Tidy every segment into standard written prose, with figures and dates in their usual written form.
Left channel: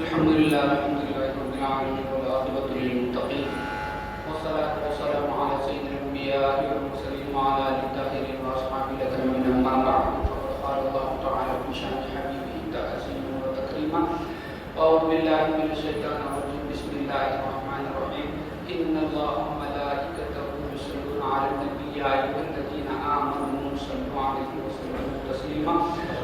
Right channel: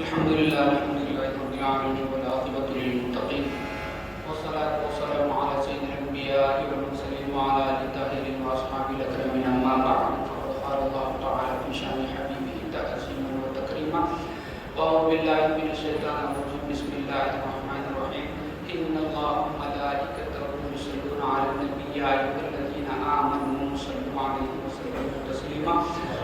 الحمد لله رب العالمين والعاقبة للمتقين والصلاة والسلام على سيد الأنبياء والمرسلين وعلى آله الطاهرين وأصحابه الأكرمين أما بعد فقد قال الله تعالى في شأن حبيبه تعظيما وتكريما أعوذ بالله من الشيطان الرجيم بسم الله الرحمن الرحيم إن الله وملائكته يصلون على النبي يا أيها الذين آمنوا صلوا عليه وسلموا تسليما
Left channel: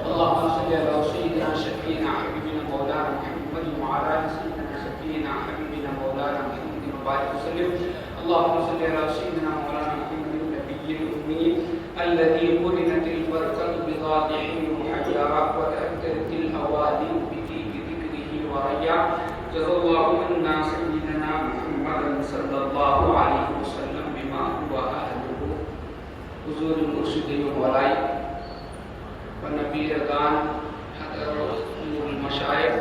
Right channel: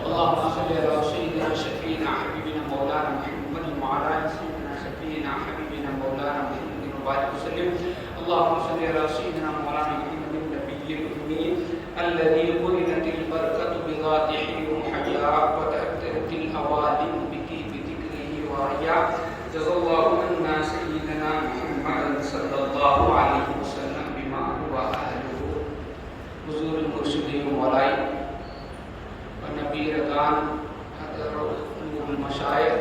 اللهم صل على سيدنا شفيعنا حبيبنا مولانا محمد وعلى آل سيدنا شفيعنا حبيبنا مولانا محمد وبارك وسلم اللهم صل على سيدنا مولانا محمد النبي الأمي الذي قرنت البركة بذاته المحيا وتأكدت الأوادم بطيب ذكره وريا جزا الله عنا سيدنا محمد صلى الله عليه وسلم بما هو أهله حضور المرشدين ولائی ونبی رضان نور المشائخ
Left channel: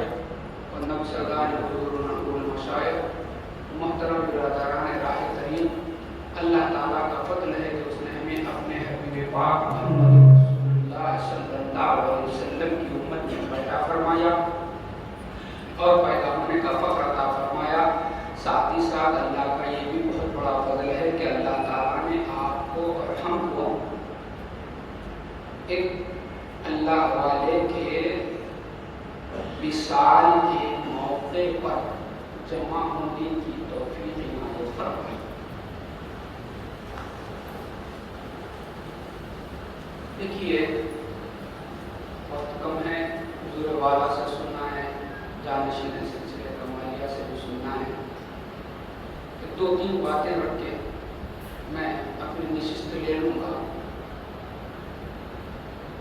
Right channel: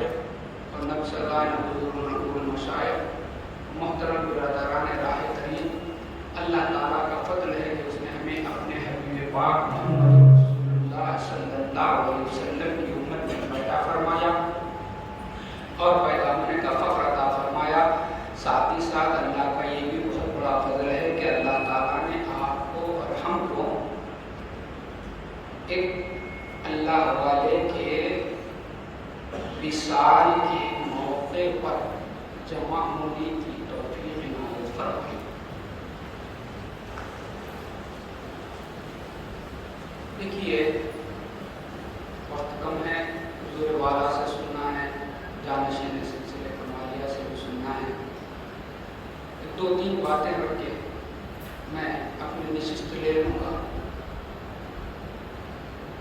اور نقصدان حضور نور المشائخ محترم برادران راہ ترین اللہ تعالیٰ کا فضل ہے کہ اس نے ہمیں اپنے حبیب پاک محمد رسول اللہ صلی اللہ علیہ وسلم کی امت میں پیدا فرمایا اور پیدا ہونے کا فخر عطا فرمایا. ساتھ ہی ساتھ اللہ کا یہ بھی بہت بڑا فضل ہے کہ اللہ تعالیٰ نے آپ کو اور ہم کو ایک اللہ والے کے وصال کے موقع پر جمع ہونے کی توفیق عنایت فرمائی. دیکھیے وقت کم ہے, حضور والا سے سننا ہے, جانشین سلسلے کمالیہ سے بھی سننا ہے. دو تین باتیں رکھ کے میں اپنی نشست لے لوں گا.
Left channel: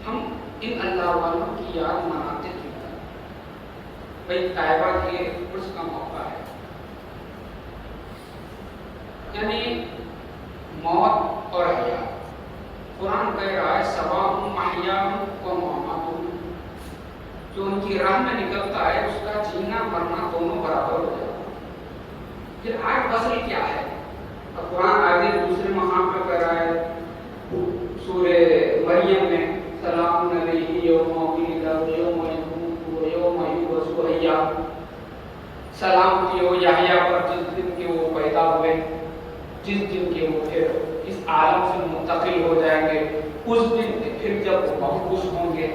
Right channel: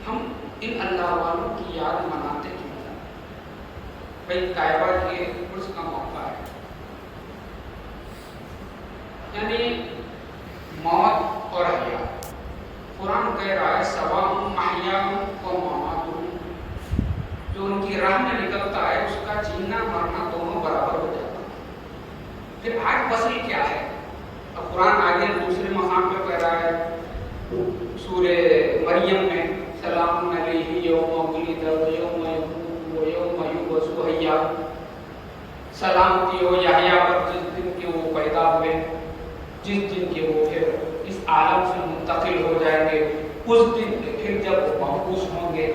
ہم ان اللہ والوں کی یاد مناتے کیوں ہیں؟ بھائی طیبہ کے عرس کا موقع ہے, یعنی موت اور حیا. قرآن کہہ رہا ہے سواء محیاہم و مماتہم, جو ان کی راہ میں نکلتا ہے اس کا جینا مرنا دونوں برابر ہو جاتا ہے. پھر آج فصل کیا ہے؟ اب قرآن آگے دوسرے مقام پہ کہہ رہا ہے سورہ مریم میں سلام علیہ یوم ولد یوم یموت و یوم یبعث حیا, سلام کیو یحییٰ پر جس دن کے وہ پیدا ہوئے, جس دن کے وہ پھر اس عالم سے منتقل ہو جائیں گے, اس دن پھر جب وہ مبعوث ہوں گے.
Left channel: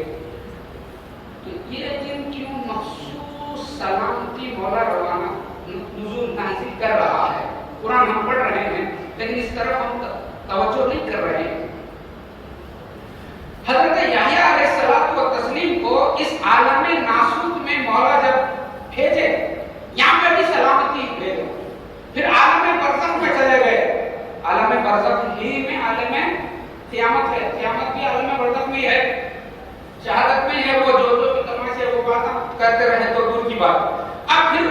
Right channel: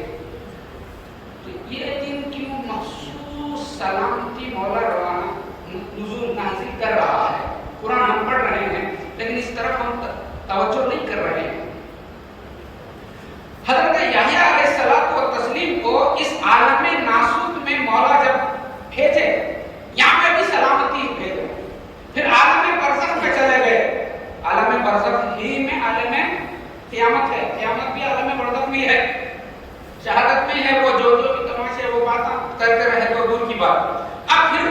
تو یہ دن کیوں مخصوص سلامتی مولا روانہ نزول نازل کر رہا ہے؟ قرآن ہم پڑھ رہے ہیں لیکن اس طرف ہم توجہ نہیں کر رہے ہیں. حضرت یحییٰ علیہ الصلوۃ والتسلیم کو اس عالم ناسوت میں مولا جب بھیجے, یہاں پہ بھی سلامتی بھیجے, پھر عالم برزخ میں چلے گئے. عالم برزخ ہی میں عالم قیامت ہے, قیامت بھی عالم برزخ میں ہے, شہادت میں ہے. وہ جو بھی تماشے وہ باتیں کرتے رہے تو دور کی بات. اب پھر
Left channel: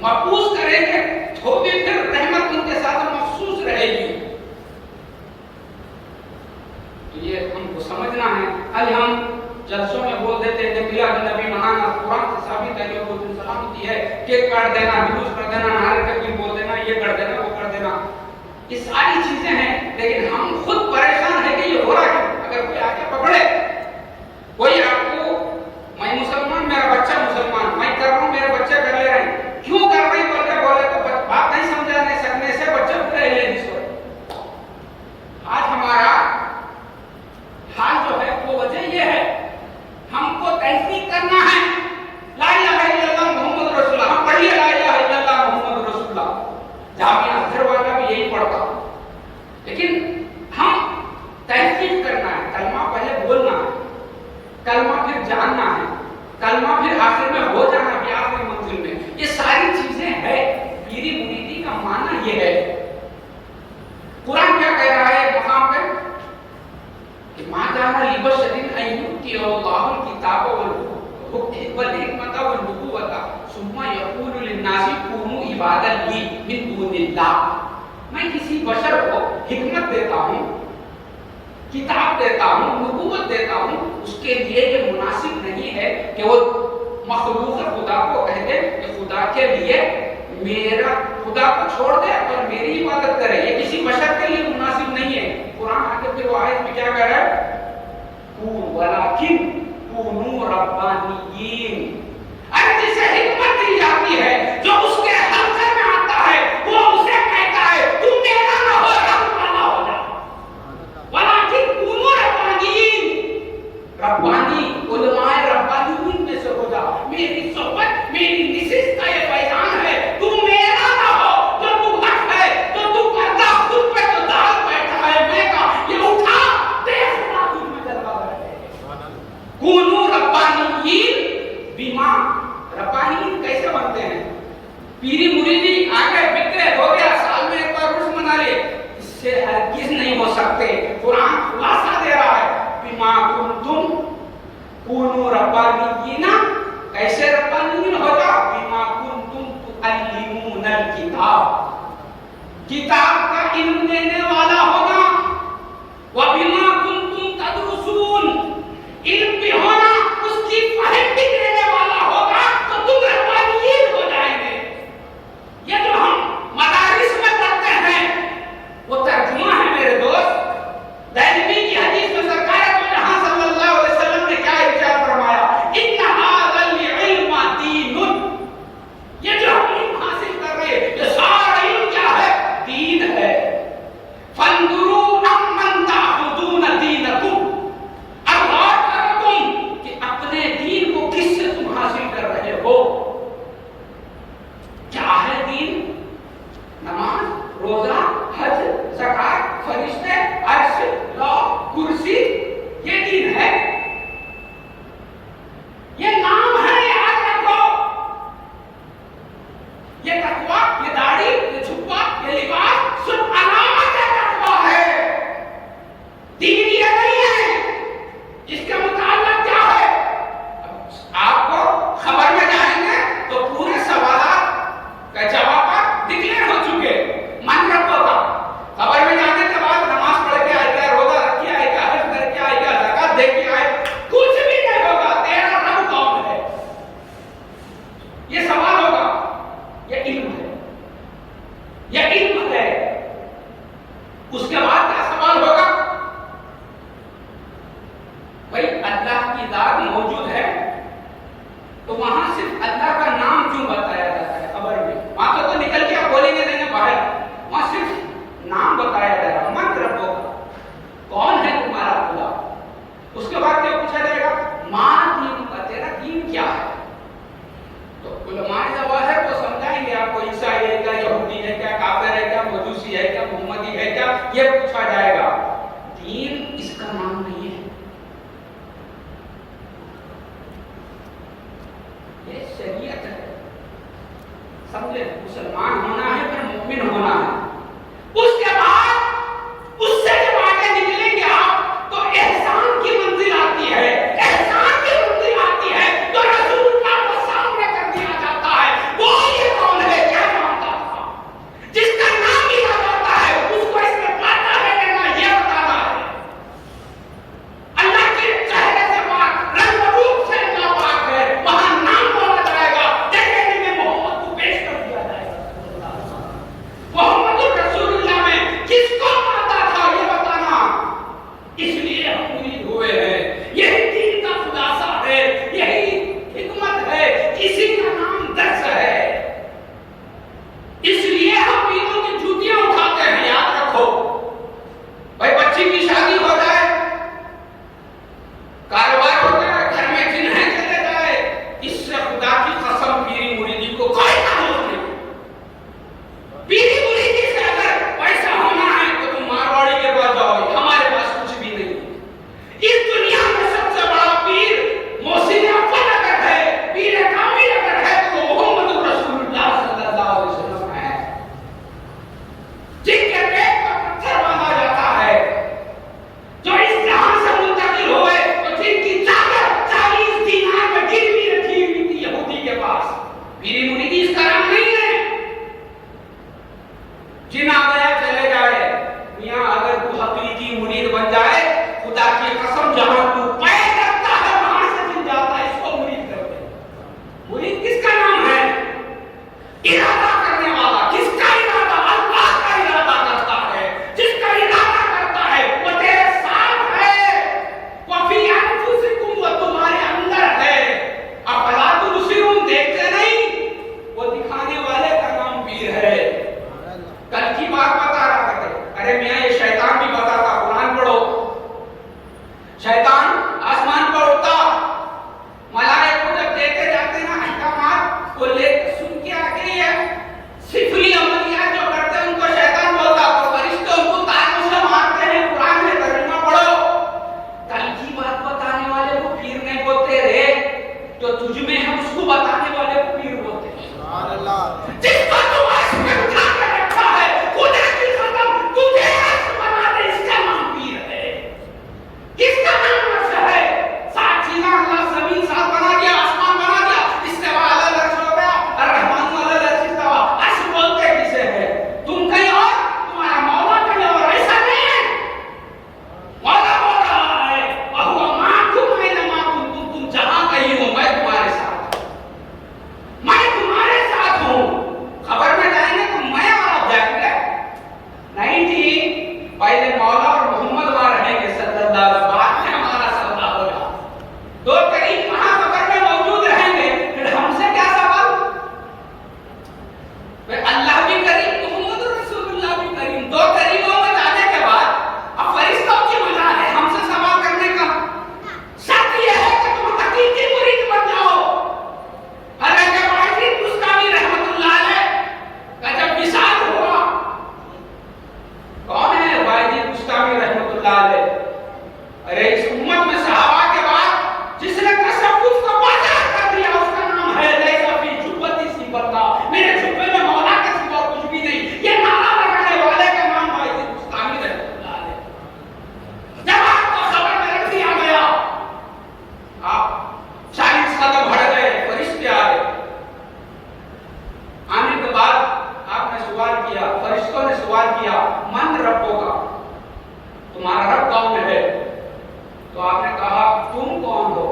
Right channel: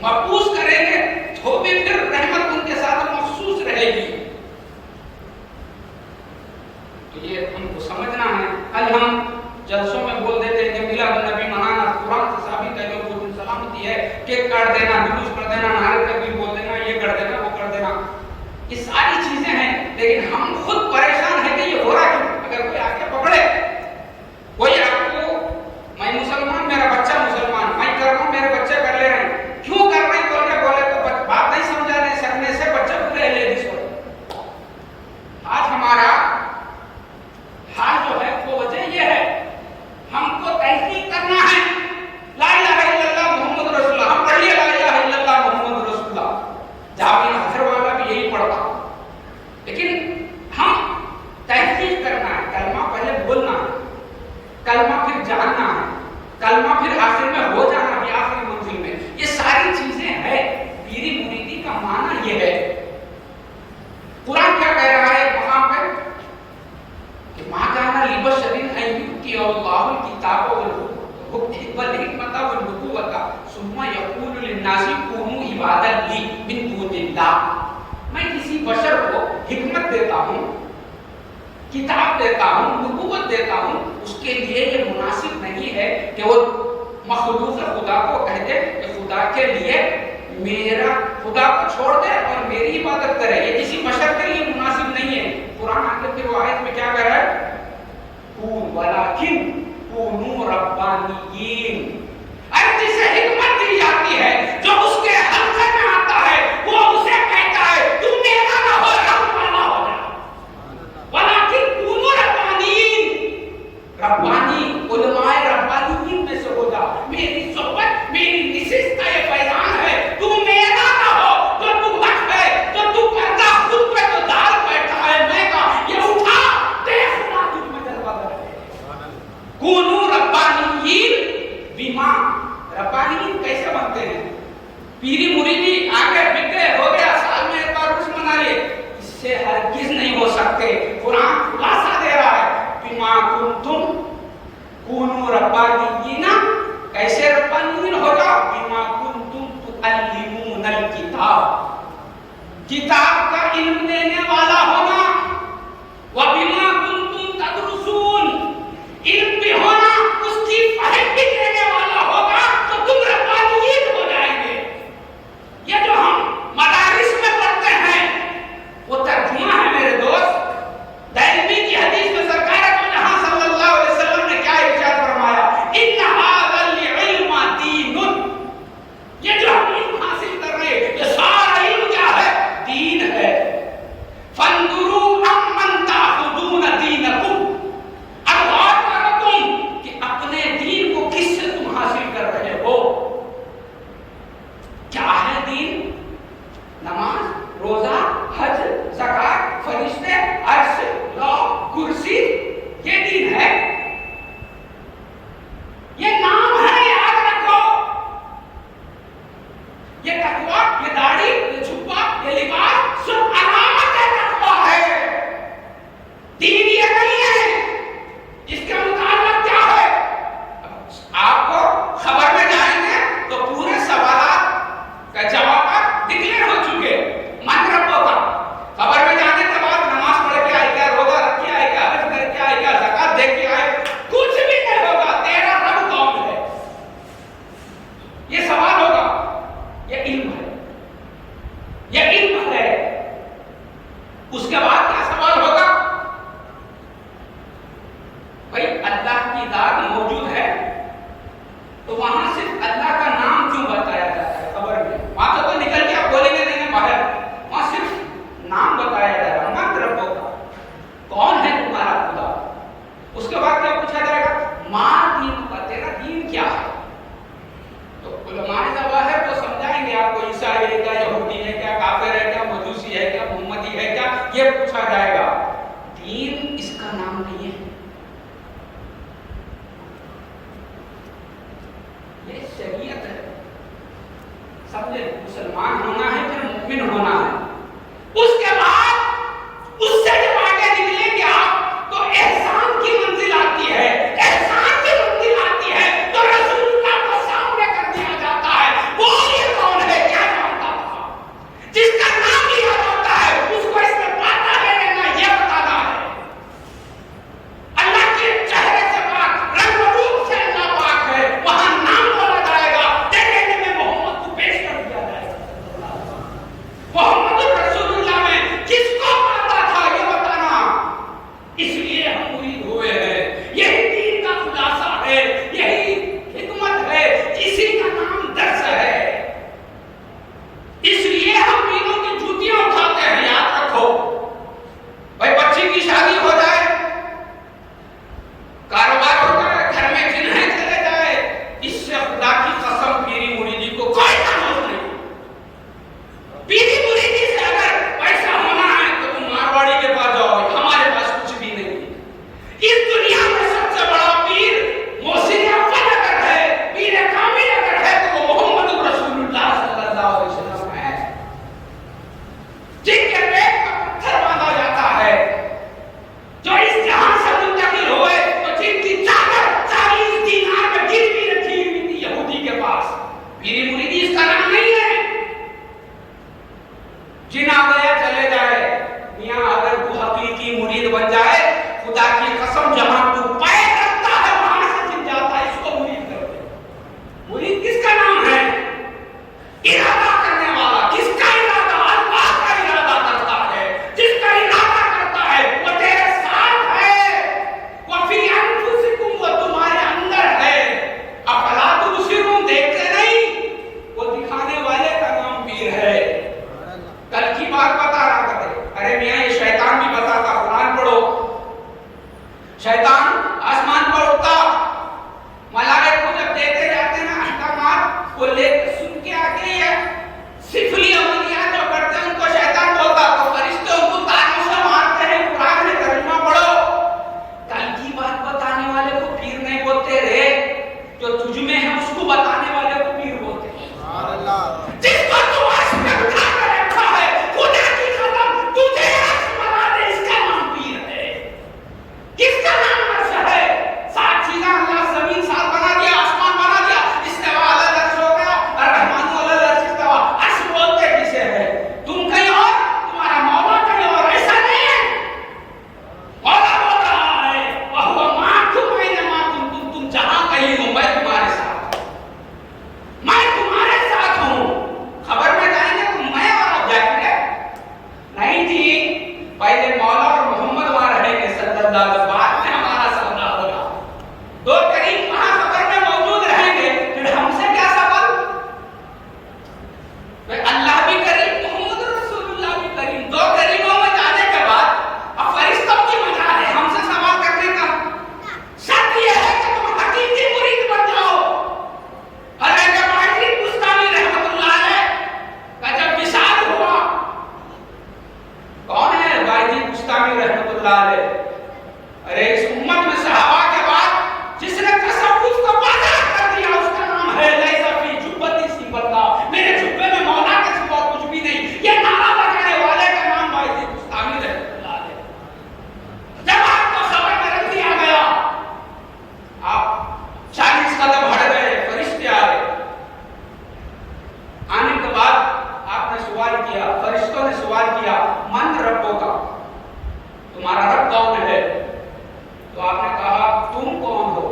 مبعوث کریں گے تو بھی پھر رحمت ان کے ساتھ مخصوص رہے گی. تو یہ ہم کو سمجھنا ہے. آج ہم جلسوں میں بول دیتے ہیں کہ میلاد النبی منانا قرآن سے ثابت ہے, کہ وہ سلامتی ہے, کیک کاٹ دینا, نماز پڑھ دینا, نعرہ تکبیر بول دینا, یہ کر دینا, وہ کر دینا, یہ ساری چیزیں ہیں. لیکن ہم خود پریشان ہیں کہ یہ ہو رہا کیوں؟ اگر کوئی آ کے پکڑے, کوئی آپ کو میں مسلمان, میرا بچہ مسلمان, میں کر رہا ہوں, میرے بچے کر لے رہے ہیں, کیوں کر رہے ہیں بول کے بولے تو بات نہیں سمجھا نہیں سکنے سے بچے پورے لے جس کو. آج ہمارا حال جو ہے وہ وجہ یہ ہے, ہم کو تحقیق کرنا ہے لا الہ الا اللہ محمد رسول اللہ. ہم پڑھیے لا الہ الا اللہ محمد رسول اللہ, جہاں بھی حضر والا بھی یہی پڑھتا, لیکن ہم تحقیق کرنا ہے. کلمہ پہلے بولنا ہے, کلمہ پھر جاننا ہے, کلمہ پھر آخر میں ہو جانا بھی آخری منزل میں. یہ ساری چیزیں ہیں. پیری مریدی کا معنی یہ ہے. قرآن کیا کہہ رہا ہے مقام پہ کہ ما کان لبشر ان یؤتی اللہ الکتاب والحکمۃ والنبوۃ ثم یقول للناس کونوا عبادا لی من دون اللہ. میں کسی بشر کو حکمت دیتا ہوں, کتاب دیتا ہوں, نبوت دیتا ہوں, اس کے لیے یہ مناسب نہیں ہے کہ وہ مخلوق خدا کو کہہ دے کہ خدا کے لیے میرا خدا کو چھوڑ دے اور میری عبادت کرے. یہ کسی بشر کے لیے مناسب نہیں ہے. قرآن آگے پھر وہ آیت میں کیا کہہ رہا ہے؟ وَلَكِنْ كُونُوا رَبَّانِيِّينَ. ارے جسے حکمت دی دین کیسے بنتے ہیں؟ پیری مریدی آگے بگڑے ہو گیا، سال میں ایک بار عرس منا لے، اس سے ہرگز نہیں ہو سکتے۔ قرآن خلاصہ دے رہا ہے، بما کنتم کونوا ربانیین، کیسے ربانیین ہو جاؤ؟ بما کنتم تعلمون الکتاب، کتاب کا علم دینے والا ہونا، وبما کنتم تدرسون، علم بھی ہونا، اس کی فہم بھی دینے والا ہوگا، تو تم ربانیین ہو جائیں گے۔ یہ جو ہم مدارس میں پڑھتے ہیں وہ ترجمہ ہے میرے دوست۔ دہلوی کی حدیث میں سرکار دو جہاں صلی اللہ علیہ وسلم نے کیا ارشاد فرمایا؟ ان ھذا العلم دین، یہ جو ہم علم حاصل کر رہے ہیں یہ سارا علم کیا ہے؟ دین ہے۔ فانظروا امن تاخذون دینکم، اب غور کرو تم کہ اپنے دین کو کس سے تم حاصل کر رہے ہو۔ کیا ہے دین؟ نماز، روزہ، حج، زکات، فرشتے، عرش، لوح، کرسی، یہ دین ہے؟ یہ نام ہے، یاد رکھو۔ یہ تقویٰ، یہ داڑھی، یہ جھبا، یہ لباس سب علامت تقویٰ ہے۔ دین یہ نہیں ہے۔ اس کے متعلق کیا ہے؟ آپ کو خبر میں جائیں گے تو پورے سوالات کا جوابات ڈکلیئر ہو چکے۔ من ربوں کا خبر میں جانے کے بعد نماز پڑھ کے آئے گا، روزہ رکھ کے آئے گا، حج کر کے آئے گا، زکات دے کے آئے گا، کچھ بھی نہیں ہوگا۔ تیرا رب کون ہے؟ یہ سوال ہوگا۔ یہ علم ہے، یہ علم ہے۔ اس کے بعد کیا سوال ہوگا؟ بھائی اللہ کی ذات موجود ہے تو وہاں صرف اللہ کا نام کیوں بتایا جاتا ہے خبر میں؟ وہاں تو نکل کے آپ بولیں گے نہیں باہر، وہاں صرف نام بتایا جا رہا ہے، من ربوں کا، کون ہے تمہارا خدا۔ اس کے بعد کیا پوچھا جائے گا؟ ماں دین کا، تیرا دین کیا ہے؟ تو علماء ظواہر تو سمجھائیں گے آپ کو، عیسائی ہے کیا، یہودی ہے کیا، کافر ہے کیا، مجوسی ہے کیا، محمدی ہے کیا، یہ پوچھا جائے گا۔ دین اس کا نام نہیں ہے، یہ شریعت ہے۔ سمجھے؟ مسلمان ہونا ہے پھر مومن ہونا ہے۔ اس کے بعد اس سے جب آگے نکلیں گے آپ تو احسان کی منزل آتی ہے۔ احسان کی منزل آتی ہے تو رسول اللہ کو سامنے کر دیا جاتا ہے۔ وہ یہ کون ہے؟ کیا جانتا تھا؟ جس کا نام لیا جاتا ہے اس کو اس میں پاتا ہے لینا، یہ بتانا ہے۔ اللہ کے چہرے سے پاک، رنگ و روپ سے اللہ پاک ہے، وہاں نام بولا جائے گا، دیکھنے میں محمد کو پیش کر دیا جائے گا۔ محمد رسول اللہ میں کس کو پاتا تھا یہ بتانا، اس لیے ہم مرید ہوئے ہیں۔ یہی دین کا خلاصہ ہے، یہی حکمت ہے، اسی کا نام درس ہے۔ اس لیے ہم پیروں کی جوتیاں اٹھاتے ہیں، یاد رکھو۔ بھائی بچی کی شادی ہو جائے، کاروبار ہو جائے، گھر میں جن ہے چلے جائے، اس سے خدا کی قسم پیری مریدی کو کوئی تعلق نہیں۔ پیری مریدی سے اگر پیسہ ہونا ہے تو تم مارواڑی کے پاس جاؤ، ہمارے پاس کچھ بھی نہیں۔ اس دنیا میں سب سے بڑا پیر محسن افضل اگر ہے، پیر کامل اگر ہے تو وہ محمد رسول اللہ صلی اللہ علیہ وسلم ہے، جن کے پیٹ کا پتھر باندھا جاتا ہے، جو اس جہاں سے منتقل ہوئے تو جن کی چادر 40 دینار میں گروی رکھی ہوئی تھی یہودی کے پاس۔ پیری مریدی اس کا نام نہیں ہے۔ جن آ گیا چلے جائے، میاں اگر تو حقیقی مرید بن جائے، خدا کی قسم جہاں تو پیر رکھتا ہے وہاں سے جن جاتا ہے، اس کو مرید کر دے۔ مرید کس کا نام ہے؟ ارادہ کرنے والا۔ کس کا ارادہ؟ اللہ کا ارادہ کرتا ہے۔ جس کا ارادہ کرتا ہے وہ تیرے ساتھ ہے، وہ فی انفسکم، وہ تمہارے اندر ہے۔ افلا تبصرون، دیکھتے نہیں؟ وہ دکھانے والے کا نام پیر ہے۔ کل کی بات بتا رہا کرتے، ارے میاں یہ شیطان بھی بتاتا، قرآن پڑھو۔ شیطان آسمان پر اڑتا، ملائکہ کو جب دیتے جاتے نا احکامات، وہ لے سن کے آگے ہے سفلی عملیات جو کرتے ہیں ان کو شیطان بولتا، تو فرشتے ان کو تاجوں سے مارتے ہیں، قرآن میں ترجمہ پڑھو۔ کل کی بات بتانے والے کو پیر نہیں بولتے رے، جو تجھ میں ہے اس کو بتانے والے کو جس کو تو عرش پہ اٹھا کے رکھا ہے، خدا کی قسم تجھے عرش بنا دے، اس کا نام پیر ہے، کس کا نام عرش ہے؟ سات چیزاں اللہ زمین ساتھ بنا دیا، آسمان بنا دیا، استوا علی العرش ہو گیا، الرحمن علی العرش استوا، عرش بولتے کسے ہے؟ تم کہیں اور، تمہارا مولا کہیں اور، ایسا نہیں ہے۔ مولا بول رہا ہے وَهُوَ مَعَكُمْ أَيْنَمَا كُنتُمْ، تم جہاں کہیں ہو میں تمہارے ساتھ، میں تمہارے ساتھ ہوں۔ خبر میں جائیں گے تو میں اور آپ جائیں گے نہیں جی، پہلے مولا اور محمد وہاں رہیں گے صلی اللہ علیہ وسلم، بعد میں ہمارا سوال ہوگا۔ دو کریم وہاں قبر میں موجود رہیں گے، پھر ہم سے کیا سوال؟ اللہ بھی کریم، محمد رسول اللہ بھی کریم، دو کریموں میں جانے کے بعد اب فرشتوں کی مجال ہے ہم سے سوال کرنے کا۔ شرط یہ ہے کہ تم حقیقی مرید بن جاؤ۔ حضرت باجی بستانی رحمۃ اللہ علیہ کا جب وصال ہوا، کون ہے باجی بستانی رحمۃ اللہ علیہ؟ ارے اس امت میں صحابہ کے بعد جس نے تصوف کو بازار کر دیا اس کا نام ہے لیس فی جبتی سی بندہ، میرے جبے میں مولا کے سوا کچھ بھی نہیں، یہ نعرہ لگانے والے کا نام باجی بستانی رحمۃ اللہ علیہ۔ جب آپ کو خبر میں رکھ دیا گیا، آپ 40 قدم ہٹ گئے، فرشتے آئے، آنے کے بعد آپ نے سوال کیا، فرشتوں نے سوال کیا من ربوں کا، تمہارا رب کون ہے؟ تو آپ نے کہا تم کون ہو؟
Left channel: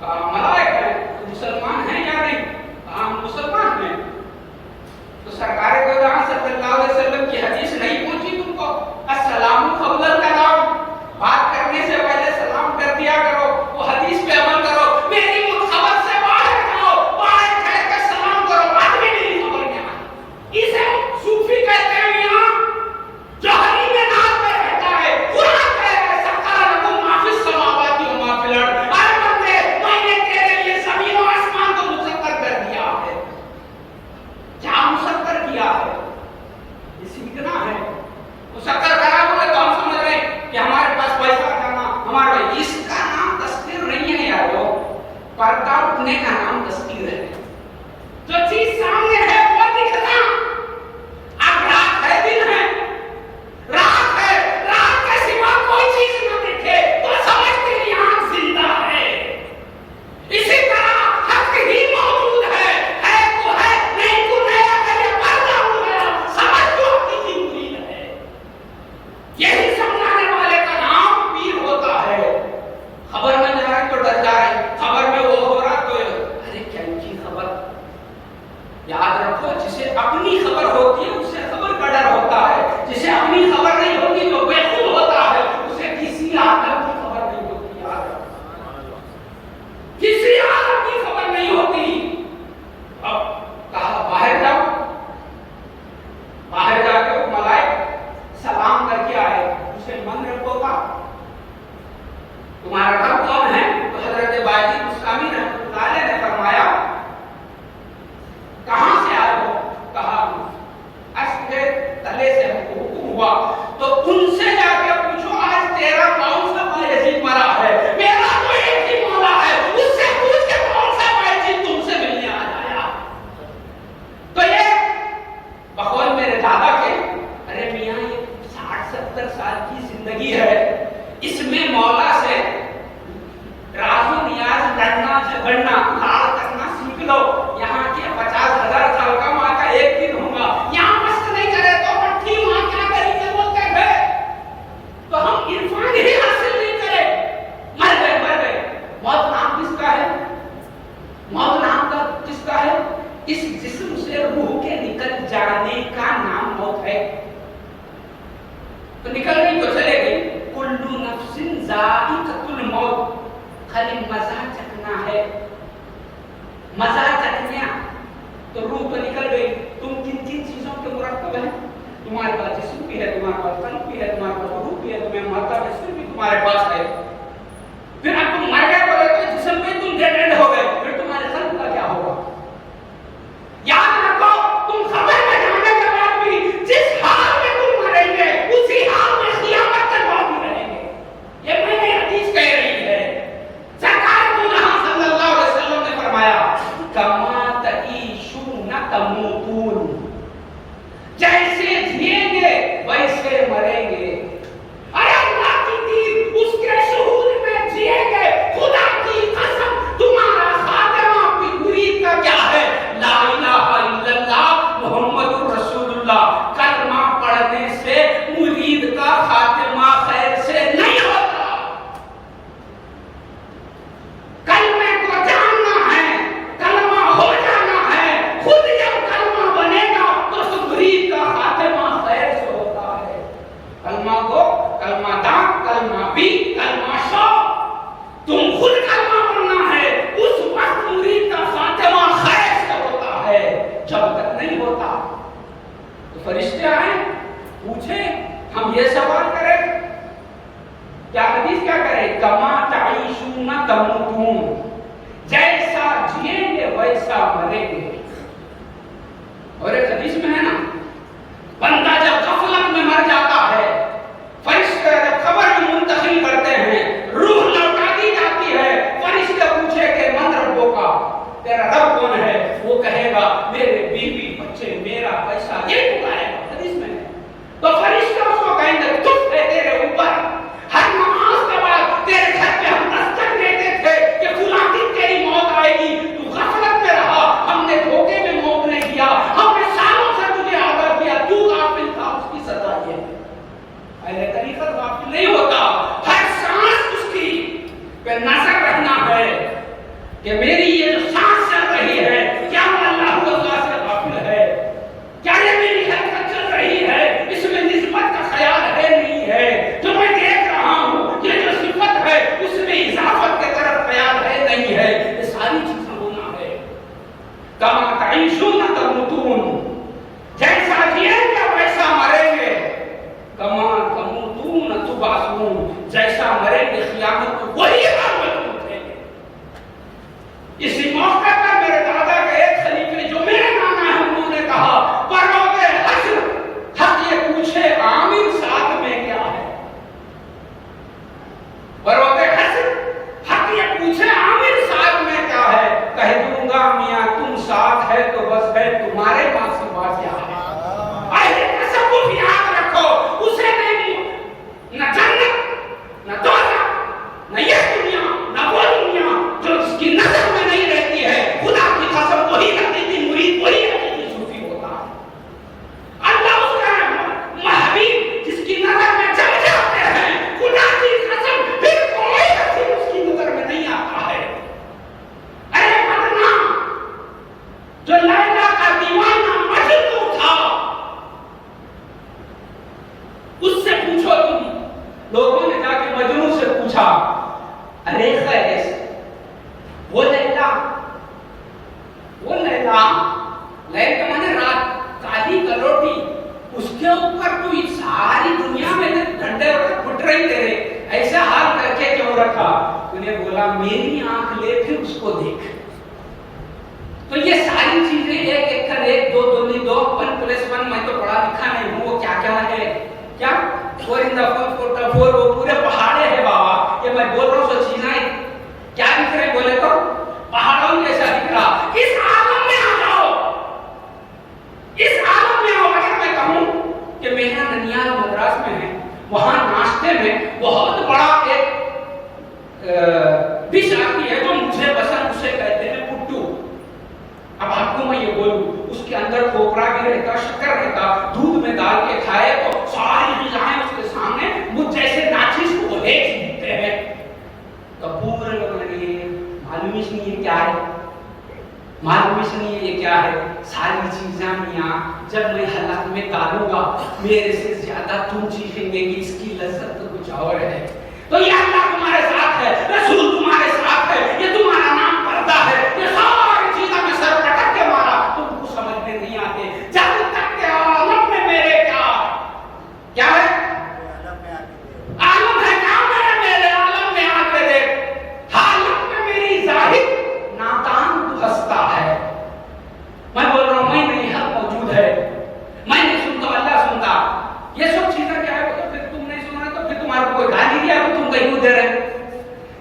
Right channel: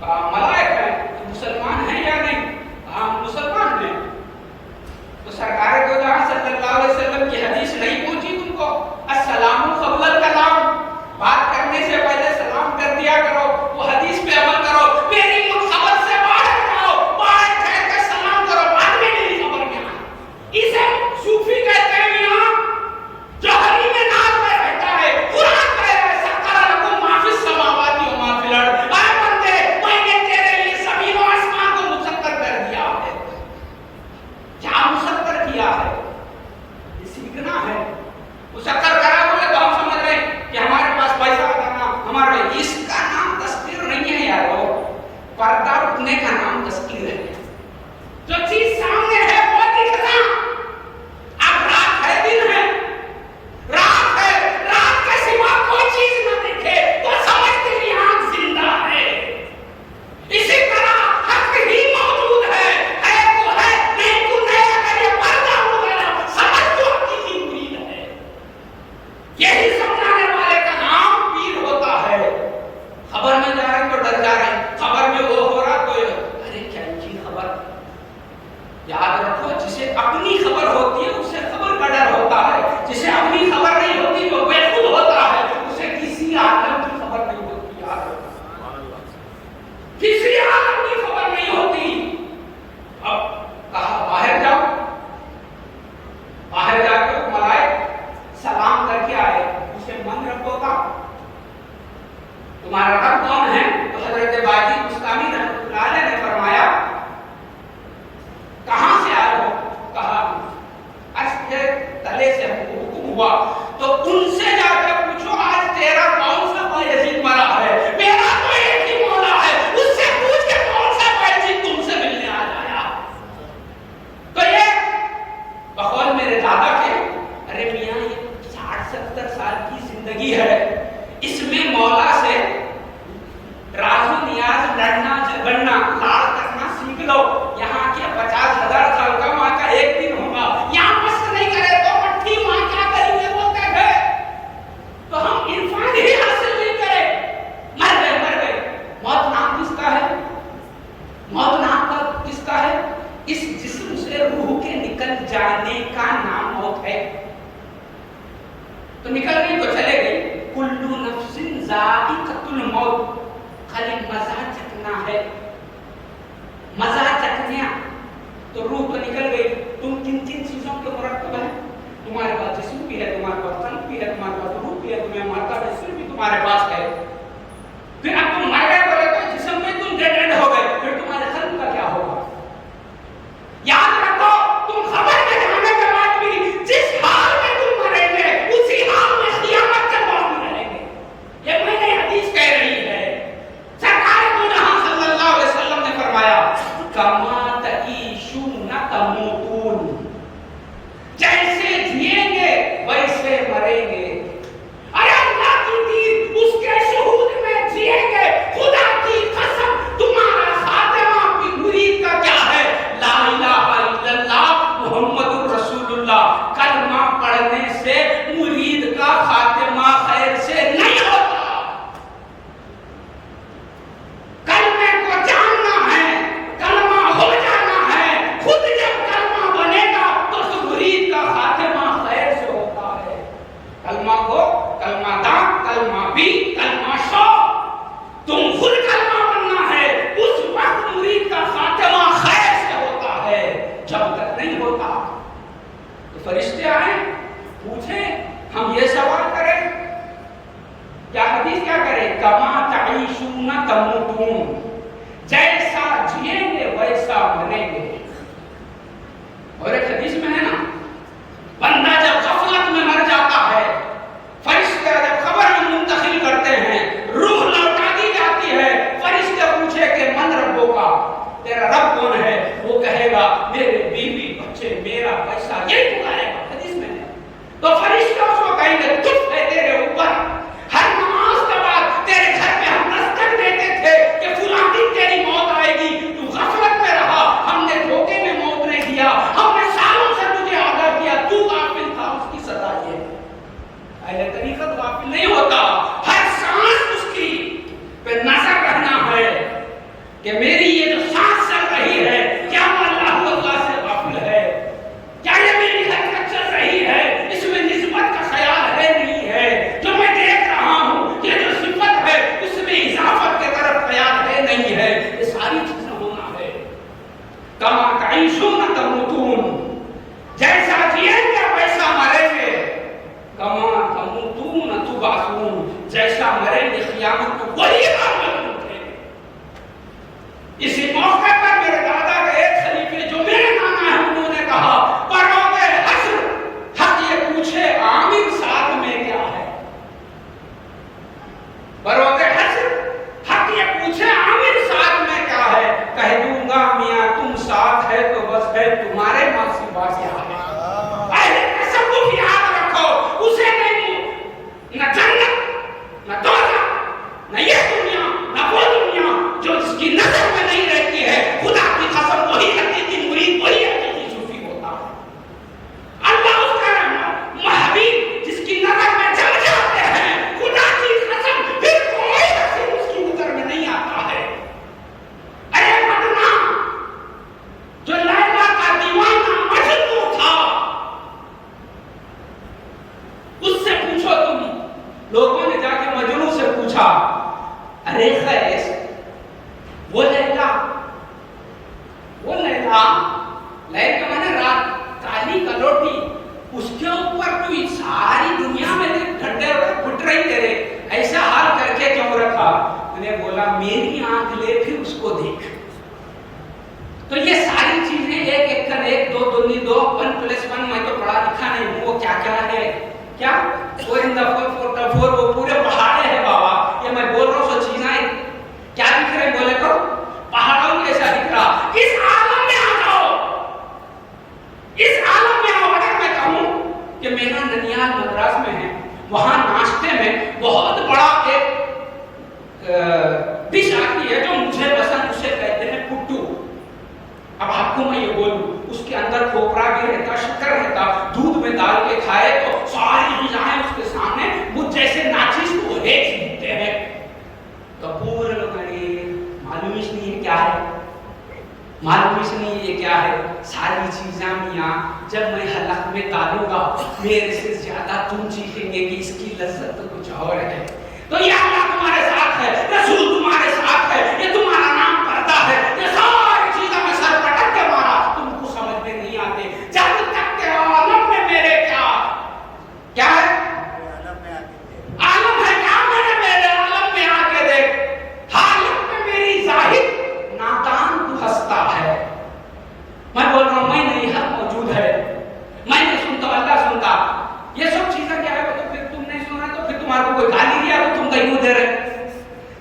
کہا ملائک ہیں۔ تو مسلمان ہیں یا نہیں؟ کہا ہم مسلمان ہیں۔ تو سرکار دو جہاں صلی اللہ علیہ وسلم کی حدیث نہیں پوچھی تم کو؟ السلام قبل الکلام، بات کرنے سے پہلے سلام کر دیا کرو، وہ حدیث پہ عمل کرو، میری خبر سے باہر جاؤ، باہر ٹھہر کے سلام کرو، بعد میں میری خبر میں آئے۔ اسے صوفی کہتے ہیں میاں جو حریم ناز میں رہتا ہے، قرآن کہہ رہا ہے سخر لکم ما فی السماوات و ما فی الارض، اے بندے میں نے تیرے لیے زمین و آسمان کو مسخر کر دیا ہے۔ کیا مسخر کیا ہے؟ یہ سیکھنا ہے۔ مسخر کرا بولے تو ہم سمجھ رہے ہیں کہ ہمارے پاس پیسہ کرنا ہمارا، اس کا نام تذکیر نہیں ہے یارو، پردہ اٹھنے کا نام تذکیر ہے۔ جو چیز سامنے ہے وہ دکھنا، اب رات ہے دن ہے، رات ہے، رات کے سوا کوئی چیز نہ دکھے تو سمجھ تیری آنکھ زندہ ہے۔ اسی طرح حق ہی موجود ہے تو ہے، نہیں تو نہیں، اگر یہ پردہ اٹھ گیا سمجھ تو حقیقی مرید ہے۔ یہی سمجھانے والے کا نام پیر ہوتا ہے۔ خبر میں جا رہے ہیں تو ڈر جا رہے ہیں، خبر میں وہ ہو رہا تو ارے کیا ان کی خبر؟ یاد رکھو جسے اپنی خبر ہوتی ہے اسے خبر کا ڈر ہوتا ہے، جسے اپنی خبر نہیں ہوتی جو بے خود ہوتا ہے اسے کسی عالم کی خبر نہیں ہوتی۔ یاد رکھو کسی عالم کی خبر نہیں ہوتی۔ اب کہا باہر جاؤ، باہر جا کے ملائک سلام کر کے آئے، اسے من رکھو گا تمہارا رب کون ہے؟ تو حضرت باجی بستانی رحمۃ اللہ علیہ نے فرمایا کہاں سے آئے ہو؟ کہا عرش کے تلے سے ہم کو حکم ہوا تو ان سے جا کے پوچھو آج تیرا کون سا بیعزت مرا ہے؟ میرا تو ایک ہی مولا ہے، اس سے پوچھ کے کون سا بیعزت تم سے ملنے آ جایا۔ تو یہ بقول میرے دادا کے، ارے میاں یہ 60-70 سال کی زندگی ہے، اس میں مولا سے راز و نیاز لڑنا جھگڑنا لاڑ کرنا سیکھ لو۔ یہاں کے 50,000 سال کا ماں کا ایک دن ہوگا، یہاں مست نہیں کرے تو مٹھی ماں کیا کریں گے بولتے ہیں، تو ہم عرفان ہی حاصل نہیں کرے، مر گئے مر گئے۔ موت نام کس کا ہے؟ موت نام کس کا ہے؟ اس جسم سے روح کے نکل جانے کا نام موت ہے۔ تو نکل گئی تو چلے گئی، کلو نفس ذائقۃ الموت، خالی مزہ چکھنا ہے، مزہ چکھنا تو روح تو نکل گئی۔ تم کن کن چیزوں کے مرکب ہیں؟ تمہارے پاس جسم بھی ہے، تمہارے پاس قلب بھی ہے، تمہارے پاس روح بھی ہے، تمہیں مرکب حصہ بھی تمہارے پاس ہے۔ پھر اب تم مر گئے بولے تو جسم میں تم ڈیڈ اینڈ ہو گئے، پھر تمہارے قلب کا کیا ہوگا؟ یاد رکھو تم خبر میں جانے کے بعد بھی جس حال میں تم مریں گے اسی حال میں قیامت کے بعد بھی رہیں گے۔ یہ میں نے حدیث کہہ رہی ہے، سرکار دو جہاں صلی اللہ علیہ وسلم نے فرمایا کما تعیشون جیسا جیئیں گے ویسا مریں گے. اور ایک حدیث میں ہے نا، بندہ جب غفلت میں مر جاتا ہے، فرشتے جب خبر منتقل کرتے ہیں، روح لوٹا دی جاتی ہے، فرشتے پوچھے کہ من ربوں کا، تیرا رب کون ہے؟ وہ کہے گا میرے بیوی بچے میرا پیسہ، یہی پکارے گا. حدیث میں ہے. تو فرشتے اس کو کہیں گے تجھ ہے تیرے اوپر. ہر نماز کے بعد تیرے گھر پہ ہم دستک دیتے تھے کہ فلاں دن تیری موت آئے گی، تو غفلت میں رہا، ہم نے دھوکے میں موت نے کیا، ہم نے سالوں سے تجھے آگاہ کیا، تو غافل تھا، اس کی سزا یہ ہے. اہل طریقت غافل نہیں ہوتا، ہر سانس اس کی پہ نظر رہنا ہے کہ میری یہ جو سانس چل رہی ہے کیا وہ اللہ سے غافل ہے، کیا یہ میری حرکت چل رہی ہے اس میں نسبت کا خیال ہے نہیں ہے، جو میں دیکھ رہا ہوں یہ جو صفت ہے اس میں اضافت کی طرف خیال ہے نہیں ہے. یہ ساری چیزیں ہونا ہے. کما تعیشون تموتون، جیسا جیئیں گے ویسا مریں گے. کما تموتون تبعثون، جیسا مریں گے قیامت کو وہی حال اٹھیں گے. اسی موقع پر میرے دادا کے ایک خلیفے جو میرے نانا ہے انہوں نے کہا پروگ حشر حق یہ پوچھے عامر ساتھ میں کیا ہے. پروگ حشر حق یہ پوچھے عامر ساتھ میں کیا ہے، کہہ دوں گا میاں تم ساتھ ہے تو بس ہے تمہارے ماں سوا کیا ہے. اہل تصوف یاد رکھو، اسے نہیں نہ جنت نہ دوزخ نہ یہ دنیا نہ وہ دنیا جو جس کی نظر میں نہیں رہتی ہے. خدا کی قسم وہی حقیقی مرید وہی حقیقی صوفی ہوتا ہے. اللہ اس کا محبوب جس کی نظر میں جم جاتے ہیں، خدا کی قسم پھر کوئی حسین اس کی نظر میں نہیں آتا ہے. ارے مدنا جو لیلا کا دیوانہ مجنون تھا، اس سے پوچھو تم. لوگوں نے جا کے مجنون سے پوچھا ارے خیر وہ لیلا لیل کے مانے رات کالی کلوٹی، اس کے اوپر تو ساری دنیا میں ڈنڈے پھٹ رہی تیرے، ایسا حال کر کے کیوں رکھا؟ انہیں بولا میری آنکھ لے پھر اس کو دیکھ. تو یہ ساری چیزیں ایک ایک کر ایک دو دونی دو 1+1 میں تو پڑھا لکھا نہیں ہوں، وہ کیا کیا ہے کیا 4 in the 4 وہ پورے پہاڑے ہیں بابا. یہ میں بول رہا ہوں سو چیزیں کیا دکھ رہے بولے تو پہاڑوں جیسا دکھ رہا. اس عالم میں آ جاؤ، اس عالم میں آؤ. اگر میں کہوں کہ میرا ننیال مدراس میں ہے، وہاں ناشتے میں بہت بڑا ایک ڈش آتی ہے جو مجھے پسند، اسے کہتے ہیں پٹو. اب آپ کو میں یہ بولوں اس کے اندر کھوپرا بھی رہتا، شکر رہتا، دودھ میں ڈال کے کھائے تو ساری غذائیں اس کے سامنے مجھ جیسے ناچیز کو ایک ہی دکھتے ہیں. تو پورے لوگوں نے معلوم ہی نہیں ہے کیا ہے، معلوم ہی نہیں ہے یہ کیا ہے. ساری چیزیں میاں جب میں حلق میں ڈالوں گا میرے سے زیادہ تم چیخیں گے کہ اس کی لذت تو کچھ اور ہے. تو یہ اللہ تمہارے ساتھ ہے، رسول تمہارے ساتھ ہے، یہ تمہارا نام پڑھتا ہے. یہ ساری چیزیں میں سر پٹک کے مارا، تم کو سمجھ میں نہیں آتے. جب تک کہ عالم میں میرے کیا ہے، عالم ہے کیا میرے عالم میں آ کے دیکھ. حالت میں میری ظاہر نادان تو ہستا ہے. میں بول رہا ہوں میں نہیں، حق موجود ہے، میں نہیں سنتا اللہ سنتا. یہ سب چیزیں کیا ہے تو پھر تم نہیں سنا تو پھر تمہارے کو کوئی گالی دیا تو تم کہیں کو دے رہے.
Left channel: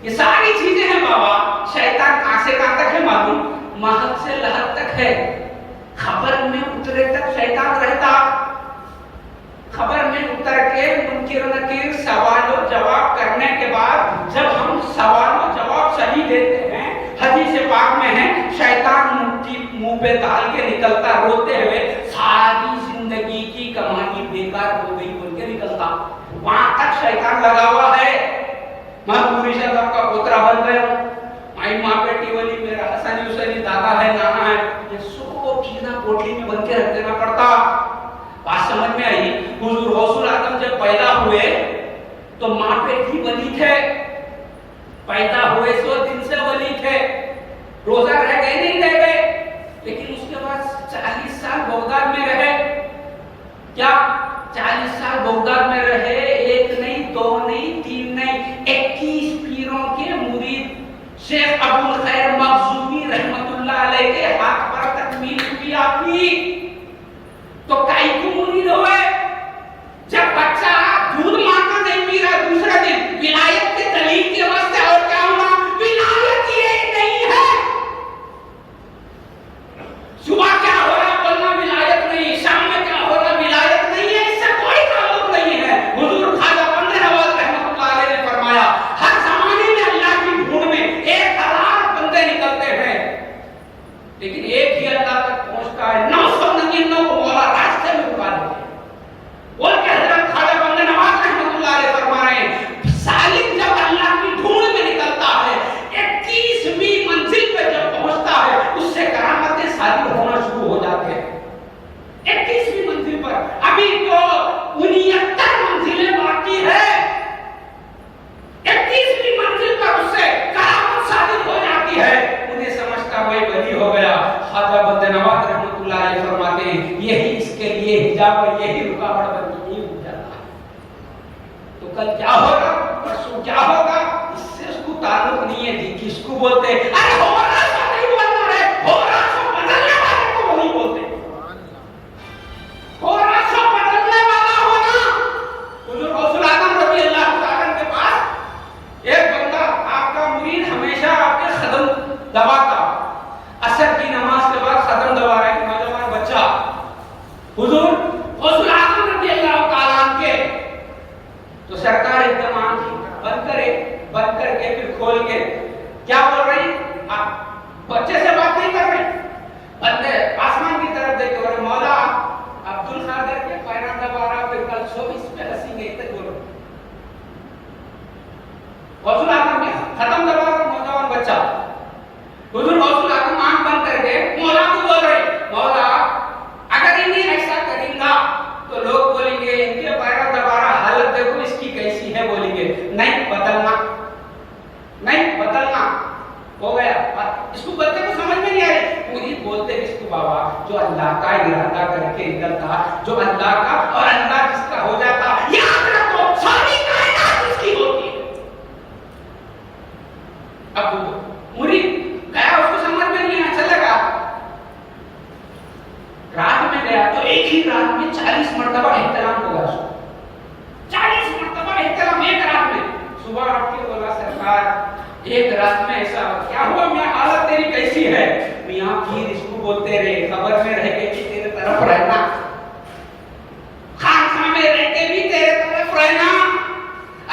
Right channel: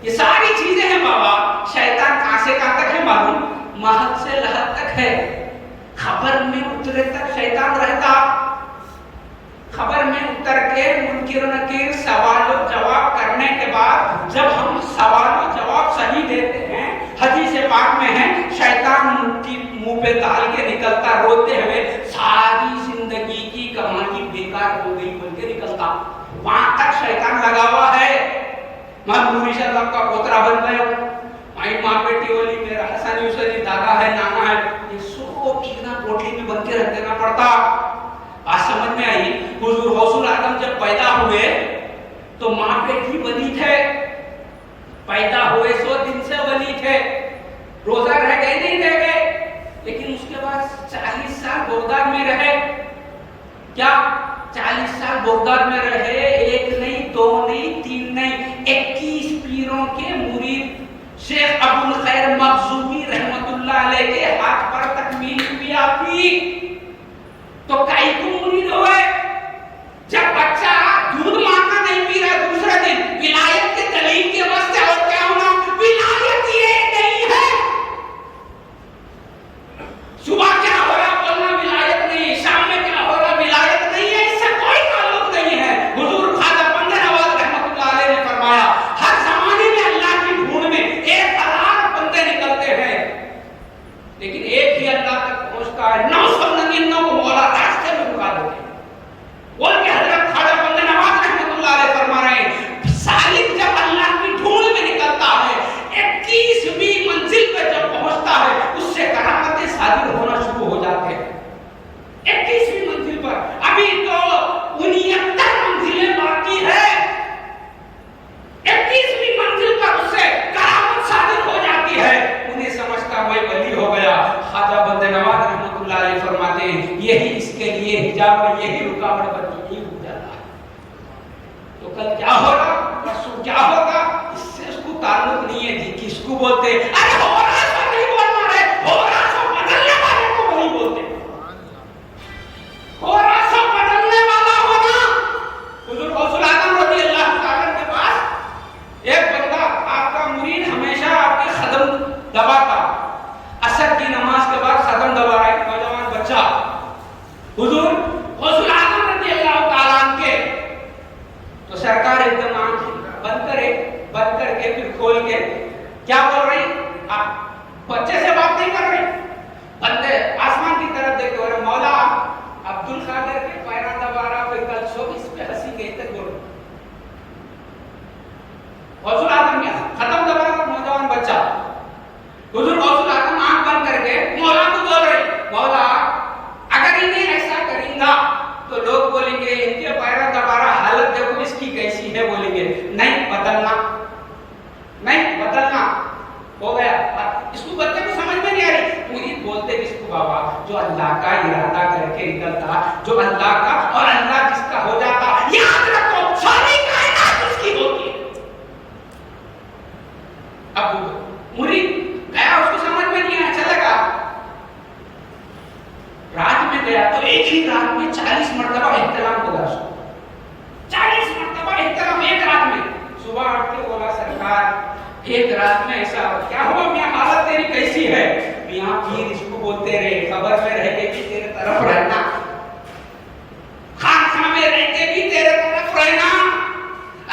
یہ ساری چیزیں ہیں بابا. شیطان کہاں سے کہاں تک ہے معلوم؟ مہد سے لحد تک ہے. خبر میں اترے تک شیطان رہتا. خبر میں اتر کے منکر و نکیر سوال و جواب کرنے کے بعد جب ہم سوال و جواب صحیح دیتے ہیں، حدیث پاک میں ہے شیطان منہ پہ ڈال کے نکلتا روتے ہوئے ساری زندگی کی کمائی بیکار ہو گئی بول کے نکلتا. وہاں تک شیطان لگا ہوا ہے. میں پوری شداب کا پوترا بن گیا ہوں، مائی ماں بیٹی والی میرا حسن حسینی دادا ہے، نانا ہے. یہ سب چیزیں کوٹلی میں بن کے رکھ دینا پڑتا. بات سمجھ میں آئی؟ حضور غوث العظم جب پیدا ہوئے تو ماں بیٹی ولی تھے، پیدا ہوئے 100 دن سے ولی تھے. روزہ رہ گئے نہیں رہ گئے، لیکن اس کے بعد 40 سال بغداد میں رہے. کیا 40 سال بغداد میں رہے؟ 1 نہیں 2 نہیں 3 نہیں 21 پیروں کے مرید. شیخ جزاء الخیر مخزومی رحمت اللہ علیہ کے ہاتھ پر تکمیل ہوئی آپ کی تو کئی کو مرید ہوئے. جب بچہ دودھ ماں کا نہیں پی رہا دوسرا دن ولایت کے دلیل کے واسطے اور کیا ہونا ولایت یہ نہیں ہے. صبح کیا ہو رہا بولنا ولایت نہیں, شام میں کیا ہو رہا ولایت نہیں ہے, اس سے کوئی تعلق نہیں ہے. حضور خواجہ بندہ نواز رحمۃ اللہ علیہ نے فرمایا ہر زمانے میں اللہ کی ڈھونڈ میں 1000 بندے نکلتے ہیں لیکن ایک ہی اللہ تک پہنچتا ہے. 999 کو مولا راستے میں رکا دیتے ہیں. اور کہ حضرت خواجہ بندہ نواز رحمۃ اللہ علیہ فرما رہے ہیں سالک جب اللہ کی ڈھونڈ میں نکلتا ہے 21ویں منزل پہ جب پہنچتا ہے اس سے کرامتیں صادر ہونا شروع ہو جاتے ہیں. 21ویں منزل پر ابھی تو 69 منزلیں باقی ہے. 21ویں منزل پر اس سے کرامت صادر ہو جاتی ہے. انہیں سمجھتا وہ ولی ہو گیا. خواجہ بندہ نواز رحمۃ اللہ علیہ فرماتے ہیں یہی اس کے لیے حجاب اور یہی رکاوٹ بن کے نہیں ہو جاتا. تو کل کیا ہوگا پرسوں کیا ہوگا اس سے اس کو تعلق نہیں ہے. جی کس کو بولتے ارے ہو رہا سو نہیں بولنا رہے, ہو رہا سو بدلنے والے کو وہی بولتے. ہو رہا سو بدلنے والا ہونا. حضور غوث العظم رضی اللہ تعالیٰ کے پاس ایک بندہ آپ کا مرید ہمیشہ آپ کے قدم دباتا. عصر کی نماز کے بعد قدم دبا رہا ہے نوجوان بچہ. حضور غوث العظم رضی اللہ تعالیٰ کے تو سرکار ایک دم آنکھ بند کر کے پھر کھول کے کیا بول رہی آپ بچے سے بات نہیں کر رہی. بندے آسمان کی طرف دیکھ رہے مولا عبد القادر کے پیرا دبا رہا پھر کل 24 پہ ہنسی گئی تک بول رہے. غوث العظم نے ختم دبا رہا نوجوان بچہ. حضور غوث العظم آنکھ بند کر کے مولا کو بول رہے مولا اگر انہیں ایسا کریں گا تو لوگ بولیں گے ان کے پیرا دبا رہا حالت دیکھو اس کی کیسی ہے. بولیں گے نہیں بدلنا ہو گیا. اس کو بچے کو سمجھ میں نہیں آ رہی. پوری بولتے کس کو بابا جو اللہ کا ارادہ کر کے نکلتا جو اللہ کا اور اللہ جس کا ہو جاتا یاد رکھو ساری کائنات اس کی ہوتی ہے. اب مرید گیا اس کو سمجھ میں نہیں آیا چلے گا رات میں گیا تو ایک ہی رات میں 40 مرتبہ احترام ہوگا. 40 مرتبہ احترام ایک رات میں. صبح اٹھ کے بولا سرکار ایک رات میں ایسا کیا ہوا میاں حالت تیری کیسی ہے. میاں پیر اس کو بولتے رہے قبر میں رہ کے بھی تیرے طرف رہنا خانقاہ میں رہتے بھی تیرے طرف رہنا.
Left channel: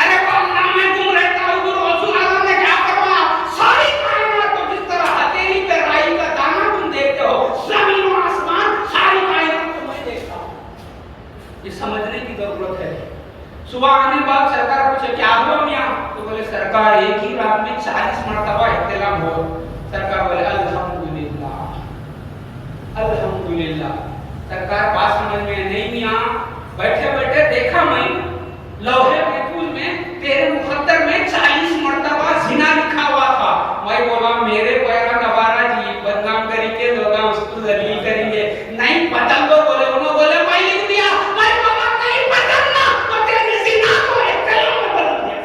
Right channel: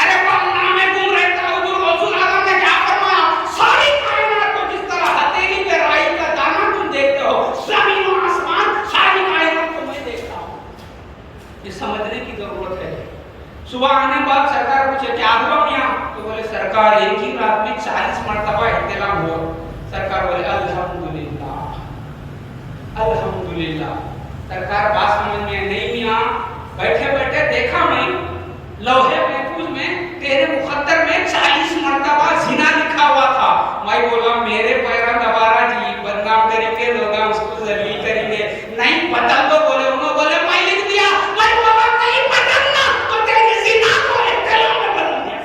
ارے وہ اللہ میں گم رہتا. حضور غوث العظم نے کیا فرمایا ساری کائنات کو جس طرح ہتھیلی پہ رائی کا دانہ تم دیکھتے ہو زمین و آسمان ساری کائنات کو میں دیکھتا ہوں. یہ سمجھنے کی ضرورت ہے. صبح آنے بعد سرکار پوچھے کیا ہوا میاں تو بولے سرکار ایک ہی رات میں 40 مرتبہ احترام ہوا. سرکار بولے الحمدللہ الحمدللہ. سرکار بات سمجھ میں نہیں میاں بیٹھے بیٹھے دیکھا میں لوہے محفوظ میں تیرے مقدر میں 40 مرتبہ زنا لکھا ہوا تھا. میں بولا میرے پیرا دبارہ جی بدنام کریں گے لوگ اس کو ذلیل کریں گے نہیں بدل دو. بولے انہوں بولے میں لکھ دیا. میں بولا نہیں بدلنا تو تیرے زنا کو احترام میں بدل دیا.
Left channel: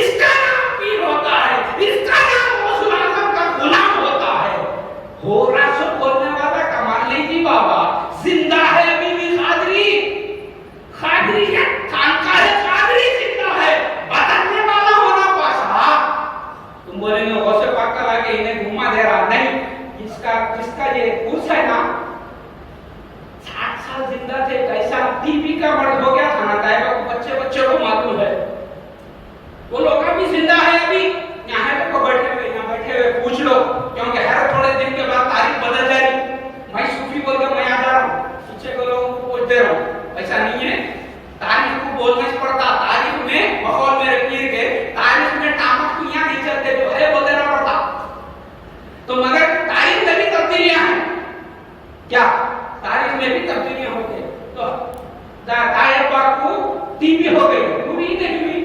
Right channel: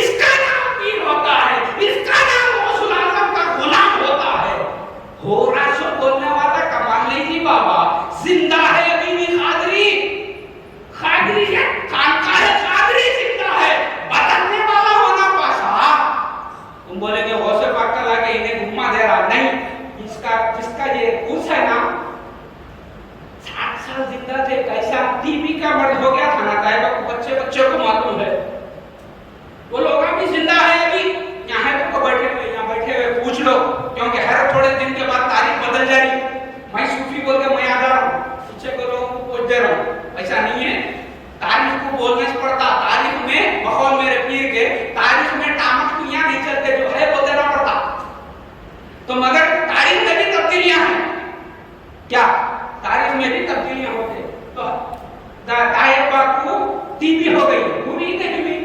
اس کا نام پیر ہوتا ہے. اس کا نام غوث العظم کا غلام ہوتا ہے. ہو رہا سو بولنے والا کمال نہیں جی بابا زندہ ہے ابھی بھی قادری ہے خانقاہ قادری زندہ ہے. بدلنے والا ہونا پاسا تم بولیں گے غوث پاک کا لا کے انہیں گھما دے رہا نہیں. جس کا یہ اس ہے نا 60 سال زندہ تھے کیسا ٹی بی کا مرض ہو گیا تھا نا طیبہ بچے کو معلوم ہے. وہ لوگ ابھی زندہ ہے ابھی یہاں کو بیٹھے ہوئے پوچھ لو کیونکہ ہر تھوڑے دن کے بعد تاریخ بدل جائے گی. میں صوفی بول کے میں آ جا رہا ہوں پیچھے کو لوگوں کو پوچھ دے رہا ہوں. ایسا نہیں ہے. تاریخ کو بولنا پڑتا. تاریخ میں بقول میرے پیر کے تاریخ میں ٹامک کو یہاں نہیں چلتے جو ہے وہ دینا پڑتا. تو مگر تاریخ میں بھی تبدیلیاں ہیں. کیا تاریخ میں بھی تبدیلیاں ہوتے تو طاہر پاک کو ٹی بی ہو گئی ہوئی نہیں ہوئی.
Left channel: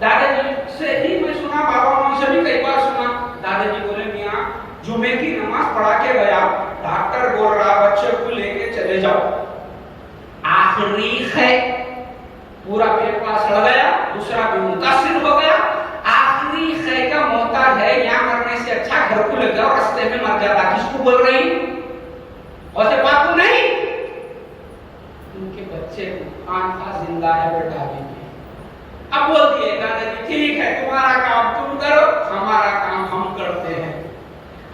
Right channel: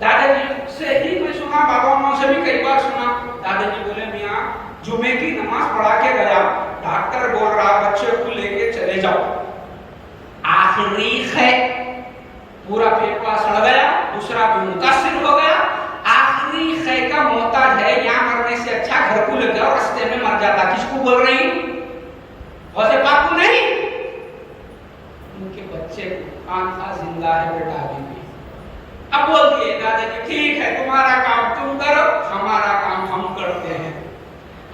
دادا جی سے ہی میں سنا بابا ماں سے بھی کئی بار سنا. دادا جی بولے میاں جمعے کی نماز پڑھا کے گیا ڈاکٹر بول رہا بچے کو لے کے چلے جاؤ. آخری ہے پورا پیپا سڑ گیا دوسرا بھی متاثر ہو گیا. آخری خے کا محتاج ہے جھوٹ بول رہی غوث پاک کو نہیں، ان کے بچے کو خانقاہ زندہ ہے بیٹا ابھی بھی۔ اب بولتی ہے دادا جی ٹھیک ہے تمہارا کام تم کرو، ہمارا کام ہم کرتے ہیں۔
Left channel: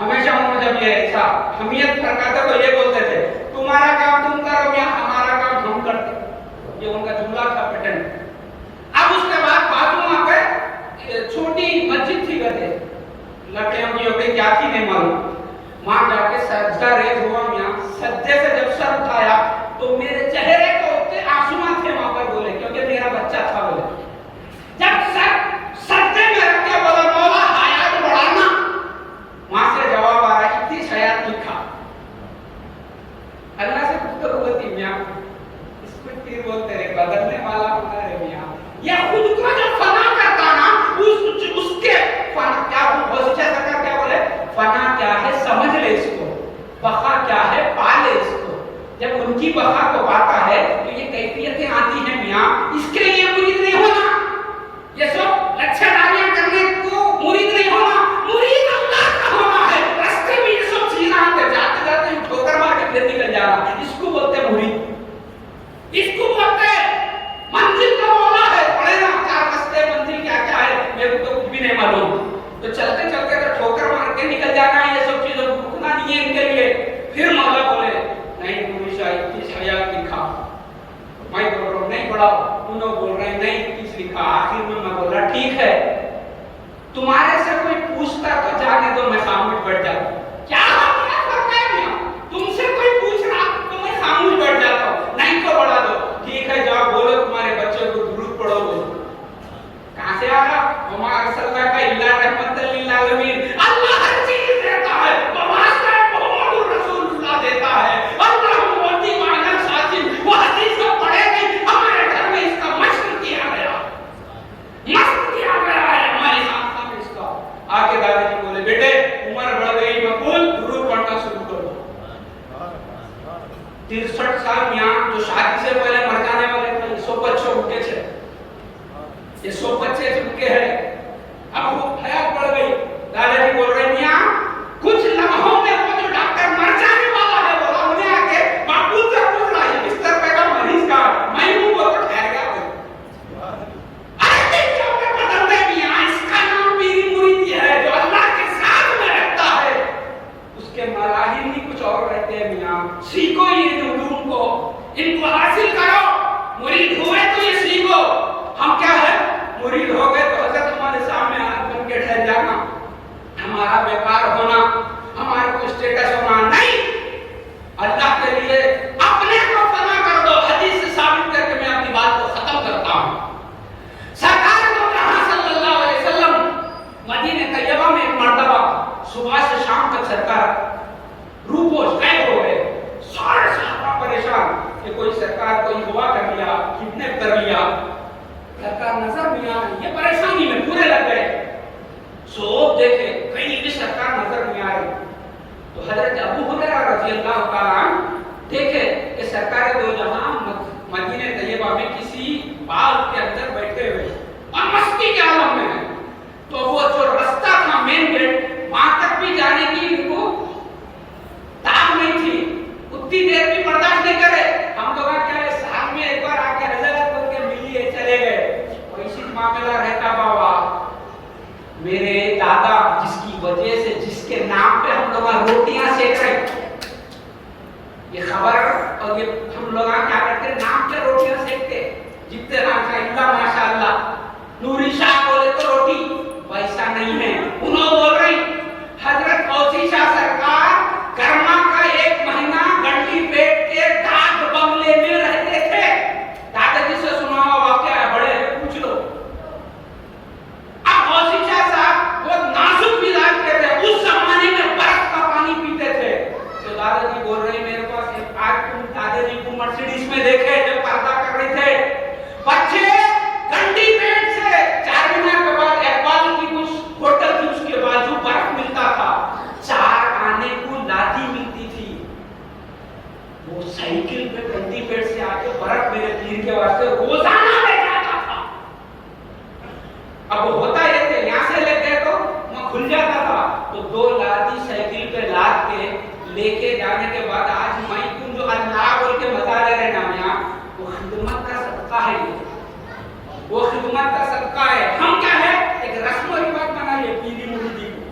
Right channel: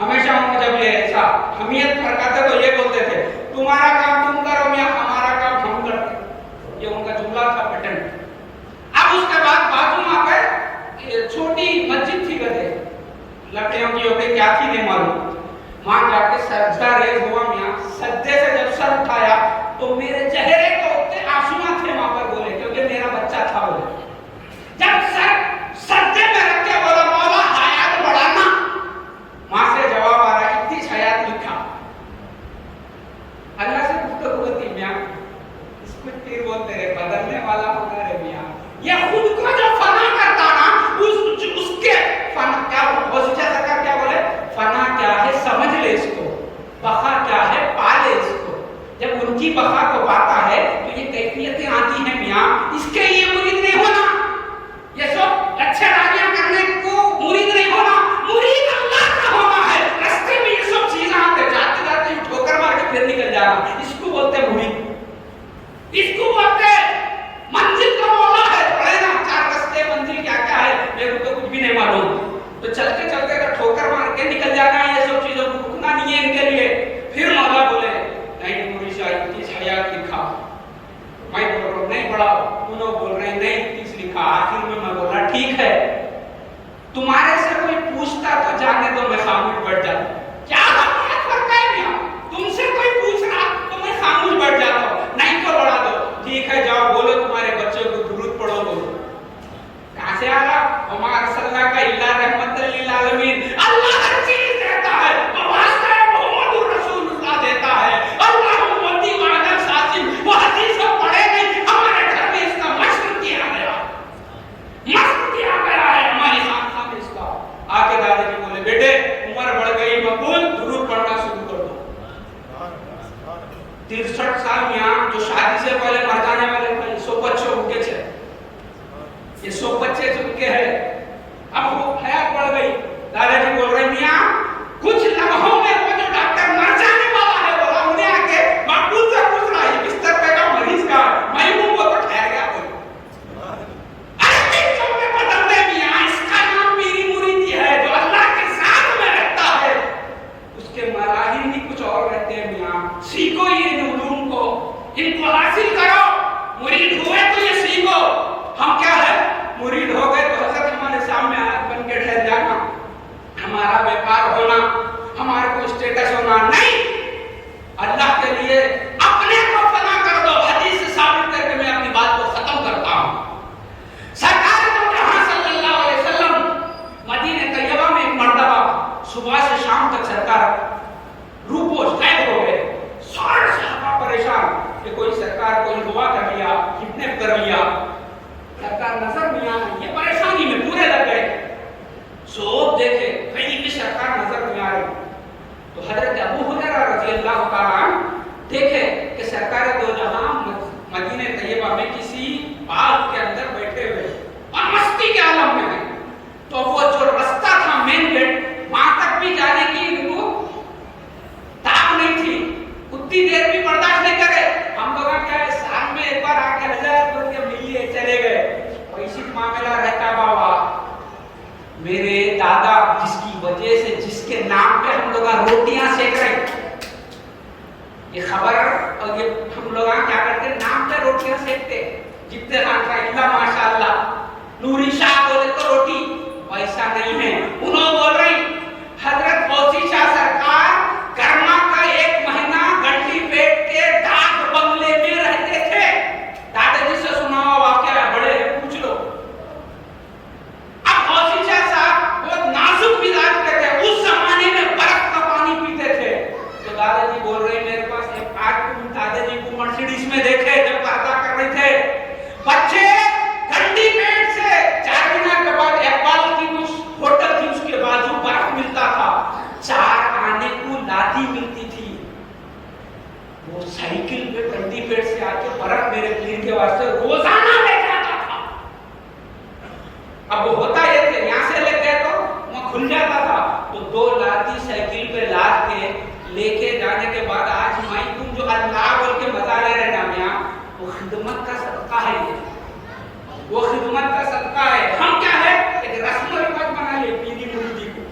ہمیشہ ان جب یہ ایسا حمیت فرقاتے تو یہ بولتے تھے تمہارا کام تم کرو میاں، ہمارا کام ہم کرتے ہیں، یہ ان کا جملہ تھا پیٹرن۔ اب اس کے بعد بازو وہاں پہ چھوٹی مسجد تھی گدے لٹے ہم کی ہو گئی کیا تھی نہیں معلوم، وہاں جا کے سجدہ ریز ہوا میاں، سجدے سے جب سر اٹھایا تو میرے چہرے کو اتنے آنسو تھے وہاں پر بولے کیونکہ میرا بچہ تھا بولے، جب سجدے میں رکھ کے بولا مولا حیات بڑھانا، وہاں سے جواب آ رہا اتنی حیات لکھا۔ اللہ سے گفتگو ہوتی میاں اس کو تیر بولتے رہے بدلنے والا ہوتا ہے میاں، یہ خود کو جو فنا کرتا نا اس کے فنا کیا بہت اچھا سرکار کیا بولے فنا کیا ہے سمجھ لے اس کو، بقا کیا ہے پا لے اس کو۔ جب ان کی بقا کو پاتا ہے تو یہ کیفیتیں آتی ہیں میاں، اس کے لیے مرید نہیں ہونا، یہ سب اچھے راجیاں کرنے کو مرید نہیں ہونا، مرید اللہ کا ہونا ہے۔ راستے میں یہ سب چیزیں آتے جاتے جاتے ٹھوکر مار کے پھر نکل جانا، اس کو بولتے ہیں مرید، اس کو بولتے ہیں منزل کا مولا ہے۔ پڑھے نا چار راستے منزل کیا کیا ہے میرے کو تو کچھ بھی نہیں معلوم، تو چلتے چلتے ٹھوکر مار کے نکل جانا ہے، یہ سب چیزوں کو رکنا نہیں ہے ان کے لیے۔ پھر مولا بولے نہیں پوری شاید اس حیات لکھا، میں بول رہا ہوں نہیں پڑھا، انہوں بول رہے ہیں نہیں اس لکھا۔ آخر میں بولا ٹھیک ہے تمہارے سے کوئی پوچھتا تو جانے دو میں خاموش بیٹھ جاتا، کیا ہمارا فرق ہے میاں، تم سے کوئی پوچھ رہا تو میں خاموش بیٹھ جاتا ہوں، نہیں تو بڑھا دو، ٹھیک ہے جاؤ بولو تمہارے بچوں کو درود پڑھو بولو۔ کہاں سے آ رہا وما ارسلنا کا الا رحمت للعالمین، اللہ ہر چیز دیتا ہے، واسطہ محمد رسول اللہ دیتا ہے، اللہ موتی وعدہ ساتھی، وہ حدیث کو پڑھے نہیں، ہمارے گھر میں اس کا مشق کیا گیا، مشق کیا گیا ہے ہمارے خاندان میں اس کا۔ آگے دادا جی بولے بیٹے عمر بڑھ گئی مقبول درود پڑھنا شروع کر دو۔ 63 سال میاں جو شادی سے پہلے مر جانے والے تھے 100 بچوں بھوکے تھے، یہ 100 بچے چپکے ہیں، اب وہ حیات بڑھ گئی۔ دادا جی بول رہے میاں کچھ لمحوں میں وہ جو ڈاکٹر مر جانے والا ہے بولا انہیں آ کے مقبول سے پوچھ رہا ہے بستر پہ کا مریض کا میں ہوں، وہ تو ٹھہر گیا کوئی ارے میں بدل دے میاں، اس کا نام میری مریدی ہے جو اللہ کے ساتھ میں رہتا ہے، اس کے مراحل ہی کچھ اور رہتے ہیں میاں۔ سیکھو یہ علوم کو، ان کو حاصل کرو، مرید ہوئے تو یہ سیکھو۔ ہم کیا ہے مرید ہو گئے تو حضرت ہمارے سامنے بن کے ٹھہر جانا، ہمارا بیکار ہونا، ہمارے کو اسٹیٹس ہونا نہیں، اللہ کے لیے اپنے کو فنا کر دو۔ حدیث سے ثابت کر کے میں اپنی بات کو ختم کرتا ہوں۔ سرکار تو جہاں صلی اللہ علیہ وسلم مدینہ طیبہ میں ایک مرتبہ صبح سے شام تک سرکار روپوش غائب ہو گئے، سارے صحابہ پریشان کہ کوئی سرکار کوئی ہوا کر لیا، کڈنیپ کر لیا، سرکار نظر نہیں آ رہی، یہ پریشانی میں پورے لگ گئے، سوپ دیکھے کہیں بھی سرکار نظر نہیں آ رہی، تو حضرت ابو ہریرہ رضی اللہ تعالیٰ عنہ دیکھے کہ سرکار دو جہاں مدینہ طیبہ میں کسی باغ کے اندر بیٹھے ہوئے اور مستی کے عالم میں ہیں، تو وہ جو رستہ تھا مین گیٹ وہاں تک بھی جانے کی ان کو طاقت نہیں تھی، اتنی دیر بھی برداشت نہیں کرے۔ ہم لوگ کیا ہے سال میں ایک بار آ کے حضرت بول کے ملیے چلے گئے، ویسی معاملہ رہتا بابا۔ میرے دادا جس کی وجہ سے جس کے نام پہ ہم لوگ روٹیاں سیک رہے، یہ خبر اور یہ ہم لوگ کیا کرتے نام پہ روٹیاں سیکتے، جتنے خان کا اللہ ماشاءاللہ نوری شاہ بولے تو روٹی، ویسا نہیں ہے۔ انہوں بول رہی حضرت غوثی شاہ سرکار گرما کا 1 مہینہ گنڈی پیٹ کے ڈاک بنگلے میں رہتے تھے۔ دادا جی سے سنا ہوا واقعہ ہے، بڑے پوچھ لو۔ اب غوثی شاہ صاحب وہ نازک مزاج کے تھے، اس زمانے میں برف کا پانی پیتے تھے، تو دادا جی بول رہے میرے پاس ایک دادا جی کو مرسیڈیز میں دیکھے جب پردہ کر رہے تھے، بچے گنڈی پیٹ سے 4 مہینے کے بعد اقبال کی کچھ ہوٹل تھی اس کے بازو برف ملتا تھا، 4 آنے کو لادی ملتی تھی، وہ سائیکل پہ گنڈی پیٹ سے آ کے برف میرے پیر کے واسطے روزانہ لے جاتا تھا۔ اب وہ ہوتا یہ تھے یہاں سے لے گئے تو وہ کھل جاتا تھا، تو 2 لادی سائیکل پہ لاد کے لے کے جانے کے بعد آج میں تم جو اللہ بول کے مزہ لے رہے نا میاں، وہ خدمت کا صدقہ ہے، یہ وہ خدمت کا صدقہ ہے. ہم کیا ہے ایک رسم و رواج بنا لیے پیری مریدی کو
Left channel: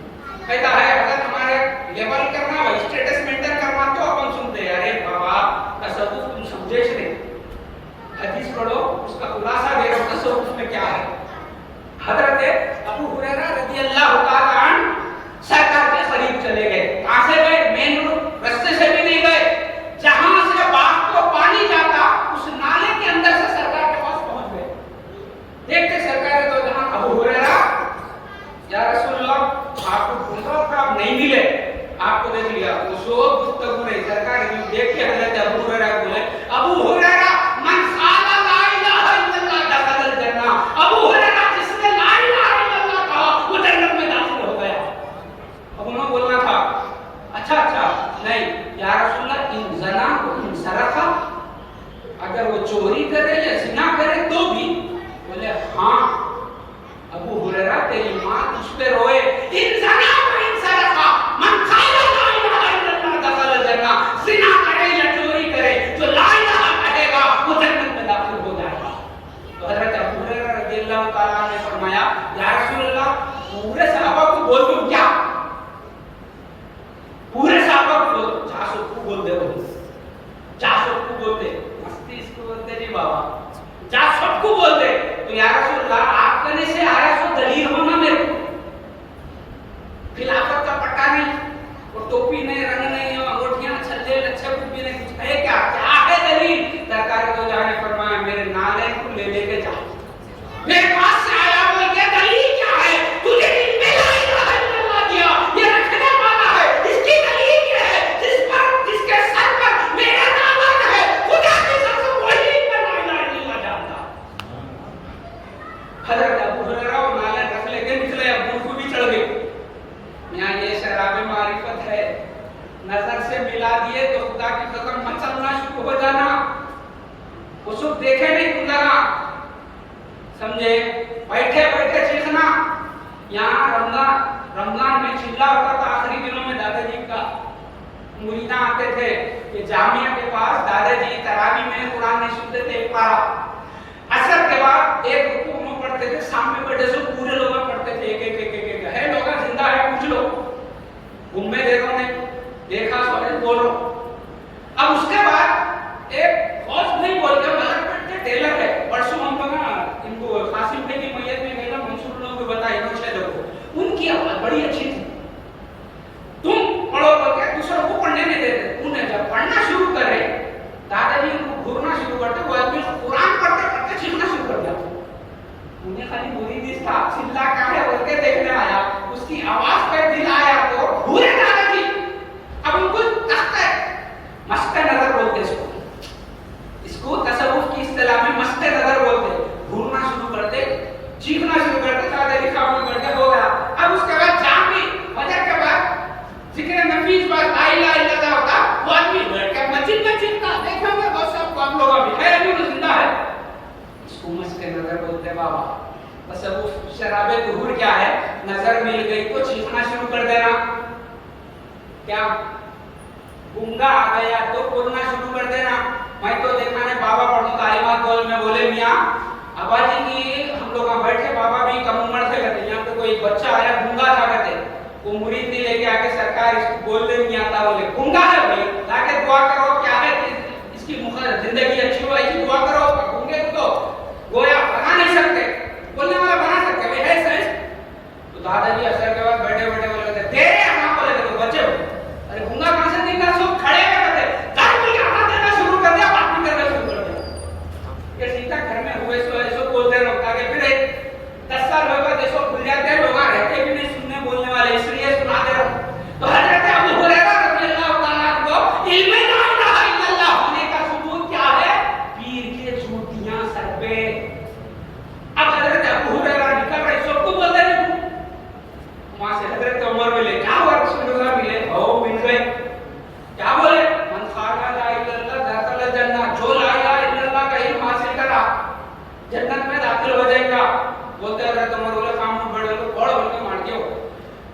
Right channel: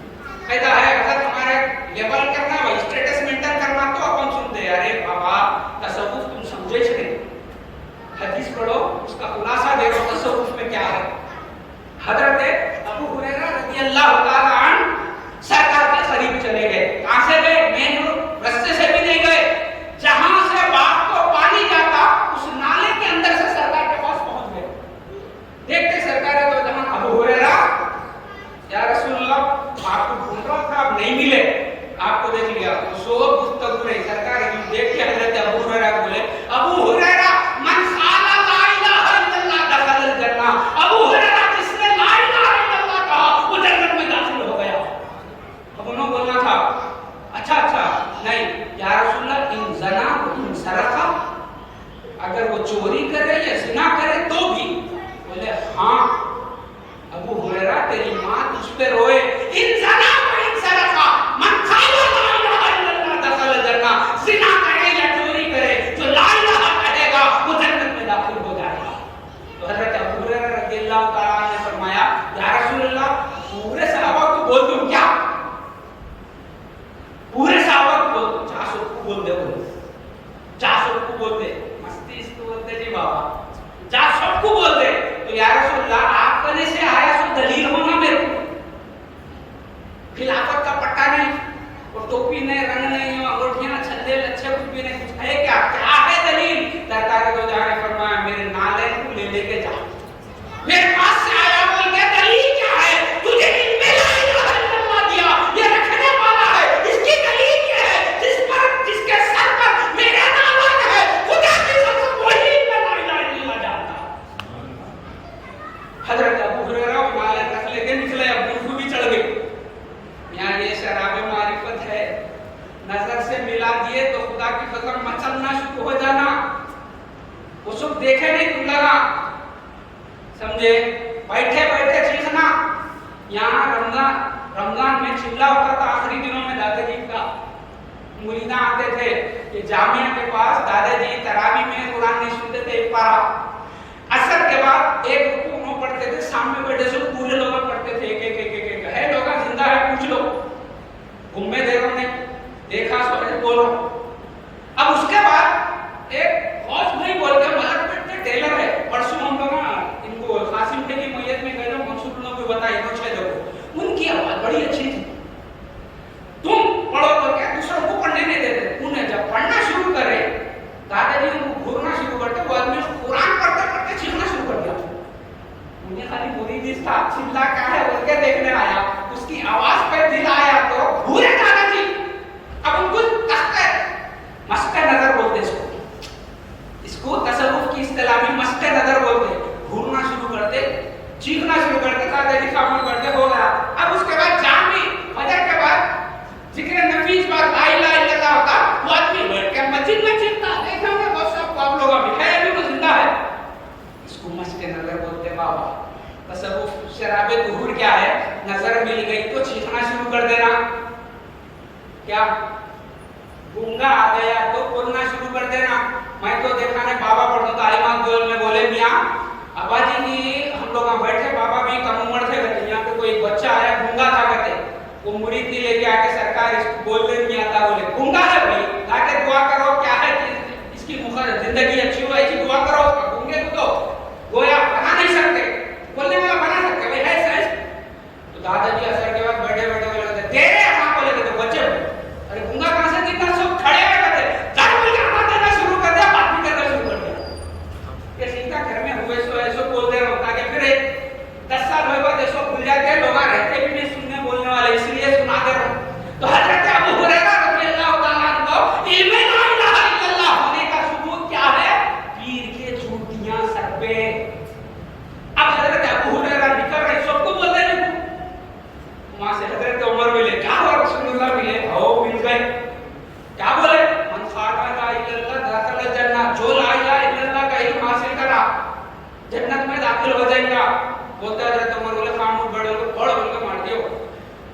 کہتا ہے اگر تمہارے لیول کرنا ہو اسٹیٹس مینٹین کرنا تو اپن سنتے ہیں ارے بابا تصوف تم سمجھے نہیں، حدیث پڑھو اس کا خلاصہ دیکھو تصوف میں کیا ہے. حضرت ابو ہریرہ رضی اللہ تعالی عنہ سرکار کے قریب چلے گئے. کہاں سے گئے؟ مین رستے سے بھی نہیں گئے، جہاں سے باغ کو پانی جاتا اس نالے کے اندر سے سرکار کے پاس پہنچ گئے. دیکھتے سرکار تو جہاں ابو ہریرہ یا رسول اللہ آپ کو ڈھونڈ رہا تھا، آپ نہیں ملے، آپ کو دیکھ لیا. تو سو گفتگو نہیں سرکار نے دیکھ کے حضرت ابو ہریرہ بولے ابو ہریرہ من قال لا الہ الا اللہ دخل الجنہ. ابو ہریرہ جس نے لا الہ الا اللہ کہا وہ جنت میں داخل ہو گیا. اب انہوں بولنا تھا اچھا نہیں یا رسول اللہ ان زنا کو ان سرقہ، اگر وہ چوری کرے یا زنا کرے تو بھی؟ بولے ہاں. ابو ہریرہ تیری ماں تجھ پہ روئے ان زنا و ان سرقہ من قال لا الہ الا اللہ دخل الجنہ. زنا کرے یا چوری کرے جو لا الہ کہے گا وہ جنت میں داخل ہو جائے گا. تو حضرت ابو ہریرہ رضی اللہ تعالیٰ عنہ نے فرمایا یا رسول اللہ پورے صحابہ کو بول دوں کیا؟ پورے صحابہ کو بول دوں؟ 400 کو بول دے، 400 کو بول دے. مستی اس کو بولتے جی بابا 400 کو بول دے. تو یا رسول اللہ آپ کہنے سے آیا سو دلیل ہونا میرے کو، خلافت کا پٹا نہیں اور ٹوپی نہیں، رنگ نہیں، انگوٹھیاں چھلے لچھے کچھ بھی نہیں، کچھ ہے کیا ہے دلیل؟ سرکار کو جانے فرمایا میرے نالے کو لے کے جا، میرے پاس سے آیا بول کے دلیل کیا ہے؟ تجھے دل میں لا الہ الا اللہ دیا، یہ رکھنے والا ہے، اس کی دلیل کیا ہے؟ جس کے سر پر میرا نام ہے خدا کی قسم وہی میں لا الہ الا اللہ جانتا. حضرت ابو ہریرہ وہ نالے رکھ لے کے نکلے، ابو بھی چڑھ گئے. یہاں یہ شراب معرفت ہے، نظر سے ملا دیے تو خدا کی قسم مچلنا شروع ہو جانا. وہ سب دیکھے نہیں تم لگا سمجھے، بیٹھے بیٹھے چیخنا. یہاں رمضان میں چلا ہوتا تھا آخری دنوں میں دادا جی کا مریداں آتے تھے کہ جامعہ کے پاس دادا جی تراویح میں قرآن نہیں سنتے تھے ایک پارا. اثر کے بعد ایک رکوع میں پڑھتے تھے، سامنے بیٹھے سو پورے لوگ پڑھتے تھے ایک ہے لوگ زندہ ہے پوچھ لو. گھومے دیکھو نے دیکھا سو بول رہا ہوں. اب اس کے بعد ایک خوف نہیں بول کے ملک پیٹ کے ٹیلر ہے، پرسوں ہم لوگ ان کو قاسم بھائی کی میت میں گئے، منصور لوگ کو بتائی انہوں 6 لوگوں، ان کی آواز بڑی اچھی تھی. تم پڑھو تو کیا دوسروں کو پڑھنے نہیں دیتے. انہیں جب پڑھنا شروع کرے دادا جی ان کو گھورنا شروع کرتے، وہ آدمی قرآن پڑھتے پڑھتے چیخنا شروع کر دیا. انہیں خالی مرید تھا چلا کا ہے بول کے دیکھنے آیا، اس کی آواز پہ دل آیا تو بھولے دادا جی. اب ان کو مست نظر بولتے اس کو تصوف کی اصطلاح میں مست نظر بولتے. گھورنا شروع کرتے، چیخنا شروع کرتے، دادا جی کام کرتے ہو گیا. اب اس کے بعد جام بھی فجر کے بعد ذکر نفیس بعد لا الہ الا اللہ ہوتا، وہ آدمی بیٹھ کے مسجد میں چیختا. دیکھو گے بہت سب آپ لوگ ابھی ہے ابھی وہ زندہ ہے. اس کو مست نظر بولتے بابا. تصوف شراب ظہور کیا ہے؟ نظر مل گئی تو چیخنا شروع کر دینا. کیا گنگا آ گیا تو بولنا شروع کر دینا. میں تو دیکھا نے بابا پڑھوں تعلیمات گول میں بولے میاں ابا جی کی ہم لوگ بیٹھے، بابا بھی کم عمر تھے کہتے. یہاں پہ کوئی بچہ آیا گنگا تھا کہتے، وہ مرید نے لے کے آ کے سرکار اس کو بولنے نہیں آتا، بولے گنگا ہے بھائی لا کے دعا کرو کیا ہے کہ اس کی زندگی اچھی ہو ایسی دعا کرو. گنگے کو تو گویا بنا نہیں سکتے، بولنے والا بنا سکتے بھائی ہے سائنس. تو دادا جی اثر کے بعد بیٹھے بیٹھے بولے کہتے تیرے یہاں بولے تو بچے ہوتے. ارے گنگا کہاں سے دکھتا؟ سب کھڑے ہوئے کہتے دادا جی کا ہاتھ دینا شروع کر دیا، بات بھی کرنا شروع کر دیا. یہ سیدھا گھر میں ہوئے سو ایسو بولتے رہو تاکہ پھر 10 سال ہوئے بعد ایسو بھول جاتے ہیں، لوگ رہتے بھی نہیں سننے بولنے والے، اس لیے سناتے رہو. تو حضرت ابو ہریرہ رضی اللہ تعالیٰ عنہ کو علم لا الہ الا اللہ ہونے کا ثبوت کیا ہے؟ پیر کے جوتیاں سر پہ. اب حضرت ابو ہریرہ نکل رہے سب کو بول رہے ہیں. وہاں سے حضرت عمر ملے، کیا ہوا رسول اللہ ملے، او مل گئے. کیا بولے؟ من قال لا الہ الا اللہ دخل الجنہ، جو لا الہ الا اللہ کا علم حاصل کرا جنت میں داخل ہو جائے گا. بولتے حضرت عمر بولے خاموش بڑے لوگ پڑھ بول کے مار دیو.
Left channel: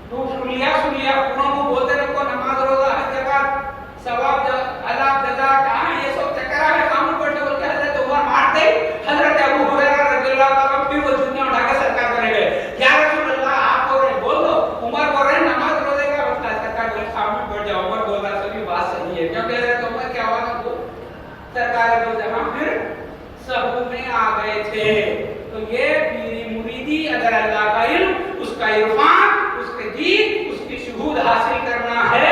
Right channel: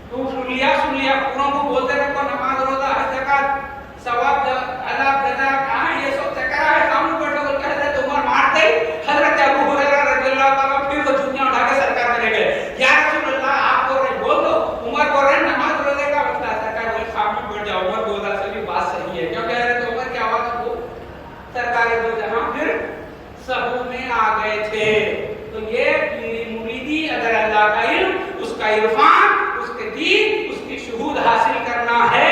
تو سن لیا پوروں کو بولتے رکھو نماز روزہ حج زکات ثواب عذاب جزا کہاں ہے؟ یہ سب چکرا ہے. سامنے بیٹھے بول کے حضرت عمر مار دے. حضرت ابو ہریرہ رضی اللہ عنہ پھر وہ جوتیاں اٹھا کے سرکار کرے گئے. یا رسول اللہ آپ بول رہے بول دو. عمر بول رہے نماز روزے کا مسئلہ ہے. سرکار بولے سامنے بیٹھ جاؤ. عمر بولا سبھی بات صحیح ہے کیونکہ حضرت عمر کی آواز کو سرکار دو جہاں پھر سب میں آ گئے تھے. تو یہ پیری مریدی اگر اللہ کا علم, اس کا عرفان, اس کے دین, اس کی شہود حاصل کرنا ہے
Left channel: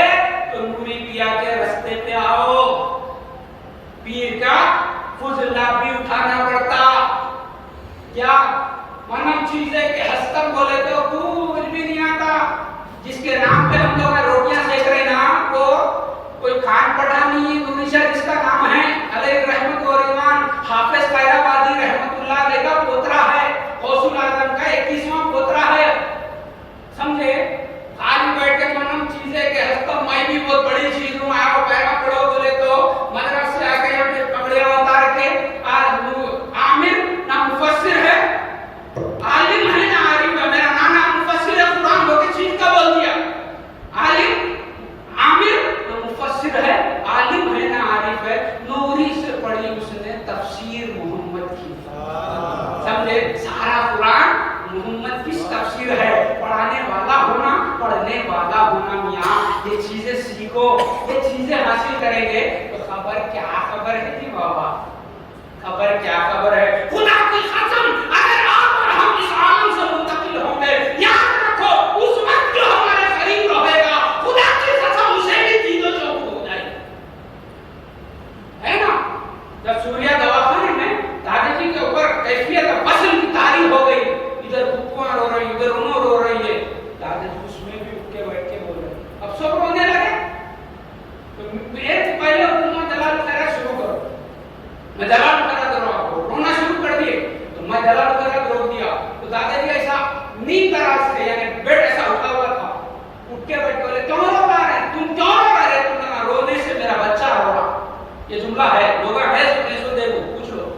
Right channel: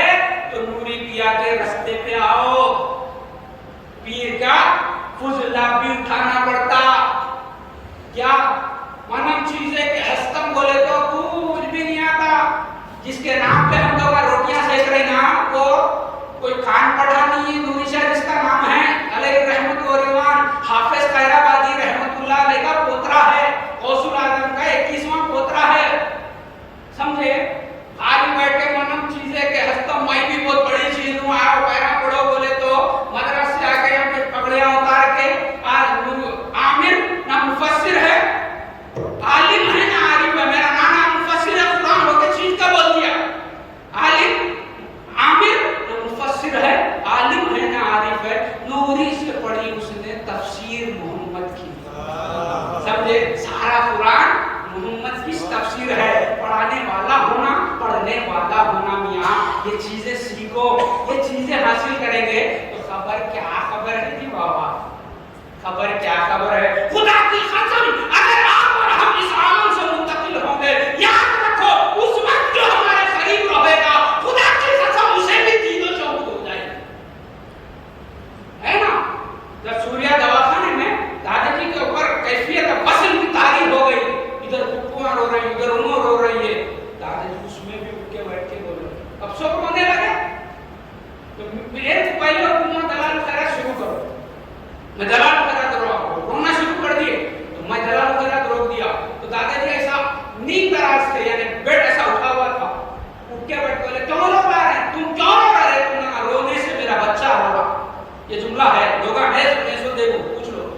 تو نوری پیا کے رستے پہ آؤ. پیر کا فضلہ بھی اٹھانا پڑتا. کیا منم چیزیں کہ ہستم بولے تو کچھ بھی نہیں آتا. جس کے نام پہ ہم لوگ روٹیاں سیک رہے نام کو کوئی خان پٹھانی نوری شاہ جس کا نام ہے علیہ رحمت و رضوان, حافظ خیرآبادی رحمت اللہ علیہ کا پوترا ہے, غوث الاعظم کا 21واں پوترا ہے. سمجھے؟ خالی بیٹھ کے منم چیزیں کہ ہستم میں بھی بہت بڑی چیز ہوں, آؤ پیرا پڑھو بولے تو مدرسے سے آ کے ہم نے پکڑیا اتار کے عامر نہ مفسر ہے, عالم ہے نہ عارف ہے. میرا نانا مفسر ہے, قرآن ہو کے چیز کا بول دیا. عالم عامر نہ مفسر ہے, عالم ہے نہ عارف ہے. نوری سے پڑھی اس نے تفسیر محمد کی. سمجھے؟ سارا قرآن محمد کی تفسیر ہے. پڑھانے والا ہونا, پڑھنے والا ہونا. میاں یہ چیزیں سیکھو, یہ چیزیں حاصل کریں گے تو خبر کیا خبر ہے جی بابا, خبر کیا خبر ہے. خدا کی قسم اگر آپ اور ہم اس عالم سے منتقل ہوں گے, یاد رکھو اس وقت جو ہمارے قریب رہے گا خدا کی قسم اسے بھی چیزوں چوک ہو جائے گی. ہے نا؟ جب سوریا دواخانے میں دادا جی کے اوپر کیفیت فصل کی تاریخ ہو گئی, ادھر پھپھوان رو رہی, ادھر انو رو رہی ہے, دادا جی اس میں بھی اٹھ کے بیٹھ کے بول رہے. اب سب رونے لگے تو ایک پہلے تم دلال خیرات شروع کرو. میں دلال خیرات رونا شروع کر دیے تو میں دلال خیرات روک دیا. تو دادا جی ایسا نیند دراز تھے, یعنی بیڈ ایسا اٹھا ہوا تھا, اٹھ کے بیٹھ بولے کیوں رو رہا ہے, تم کیوں رو رہا ہے؟ تم نے رونے سے میرا بچہ رو رہا. یہ جملہ ہے, لوگ ہے سو دیکھو پوچھ لو.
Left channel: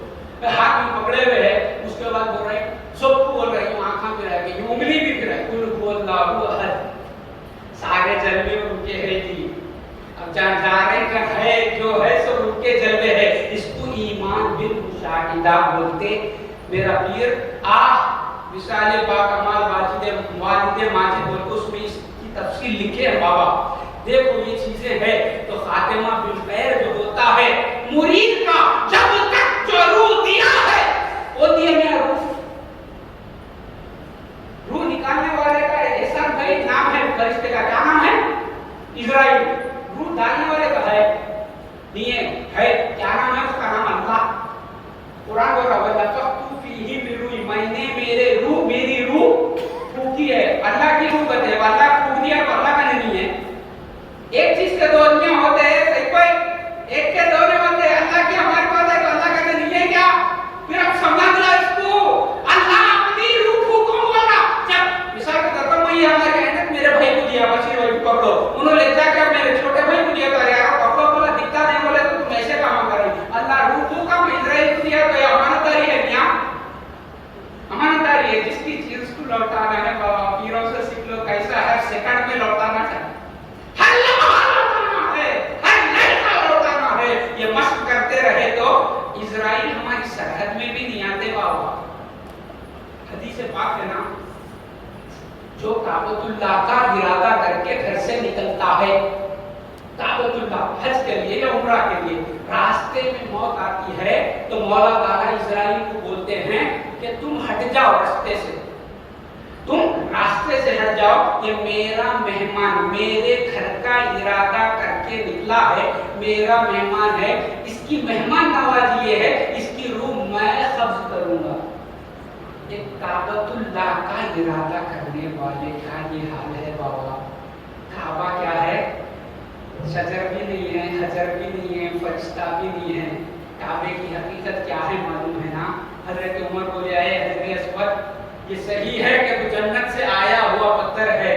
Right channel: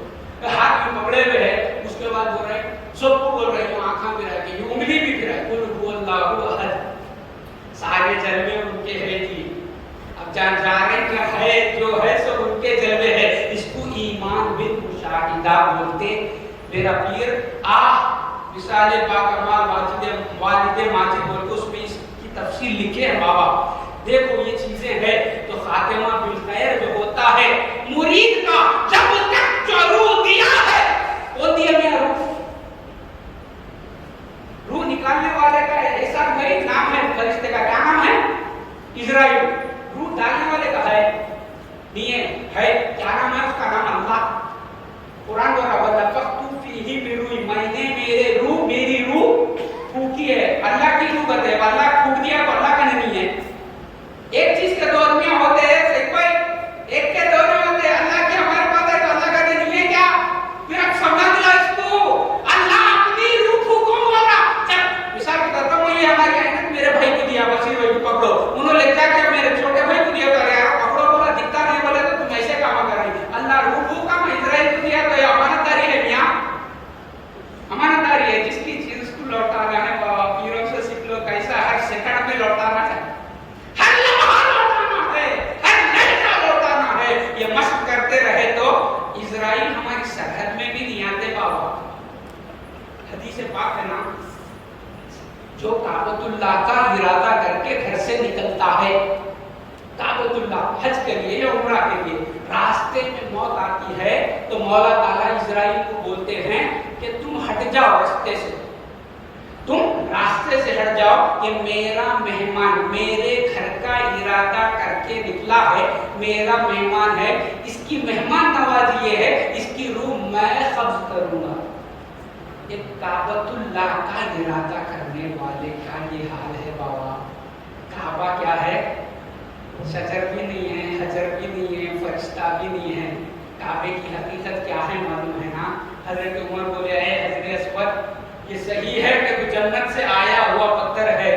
ہاتھ میں پکڑے ہوئے ہے, اس کے بعد بول رہے سب کو بول رہے کہ آنکھاں پہ رہ گئی, انگلی بھی پھر ہے, قل هو اللہ احد. سارے جلوے ان کے ہے جی. اب جانے کا ہے جو ہے سب ان کے جلوے ہے. اس کو ایمان بالمشاہدہ بولتے. میرا پیر مثال باکمال والد ماجد بولتے, اس میں اس کی تفصیل لکھے ہیں بابا. دیکھو یہ چیزیں ہیں تو خاتمہ بالخیر جو ہوتا ہے مرید کا, جب تک جو روح دیا ہے وہ دیا میرا روح نکالنے والے کا ایسا بھائی نام ہے فرشتے کا, کیا نام ہے؟ اسرائیل. روح ڈالنے والے کا ہے نہیں ہے, کیا نام ہے اس کا؟ نام اللہ. قرآن بول رہا ہے نفخت فیہ من روحی, میں نے میرے روح, میری روح پھونکی ہے. اللہ کی روح بتے, اللہ پھونک دیا تو اللہ کا نہیں ہے. ایک چیز کے دو آدمی ہوتے ہیں, صحیح کوئی ایک کے دو نہیں ہوتے. اللہ کی ہمارے پاس ہے تو اللہ کا نہیں ہے کیا؟ پھر اب سمجھ لو اس کو, اللہ اپنی روح پھونکوں والا. جب مثال کے طور پر وہی ہمارے ہیں میرے بھائی کو دیا, بس یہ بھائی پکڑو, انہوں نے لکھا کہ میرے چھوٹے بھائی کو دیا, یار پکڑو بولا, دکھتا نہیں بولے تو تم ایسے کام کریں. اللہ روح کو کام اسرائیل کو دیا تو یہ امانت داری ہے. کیا امانت داری ہے؟ جس کی چیز کو لوٹانا ہے بابا, پیروں سے سیکھ لو کیسا ہر سیکنڈ میں لوٹانا ہے, ہر لمحہ لوٹانا ہے, ہر لمحہ لوٹانا ہے. یہ مشق کرتے رہے تو اسرائیل ہماری سرحد میں بھی نہیں آتے بابا. حدیث پاک ہے نا, جو کعبۃ اللہ کا ارادہ کر کے گھر سے نکلتا ہے, کعبۃ اللہ حج کے لیے یا عمرہ کے لیے, راستے میں موت آتی ہے تو مولا تعالیٰ اسرائیل کو بولتے ہیں کہ تم ہٹ جاؤ راستے سے, تم راستے سے ہٹ جاؤ. یہ میرا مہمان, میرے گھر کا ارادہ کر کے نکلا ہے, میرا مہمان ہے, اس کی مہمان نوازی یہ ہے, اس کی روح میں قبض کروں گا. یہ کعبۃ اللہ کا ارادہ کرنے والے کا یہ حال ہے بابا. کعبہ کیا ہے؟ شجر بھی نہیں ہے, حجر بھی نہیں ہے, فرشتہ بھی نہیں ہے. کعبے کی حقیقت کیا ہے معلوم ہے نا؟ حضرت عمر بولے اے حضرت اسود, یہ صحیح ہے کہ جنت سے آیا ہوا پتھر ہے,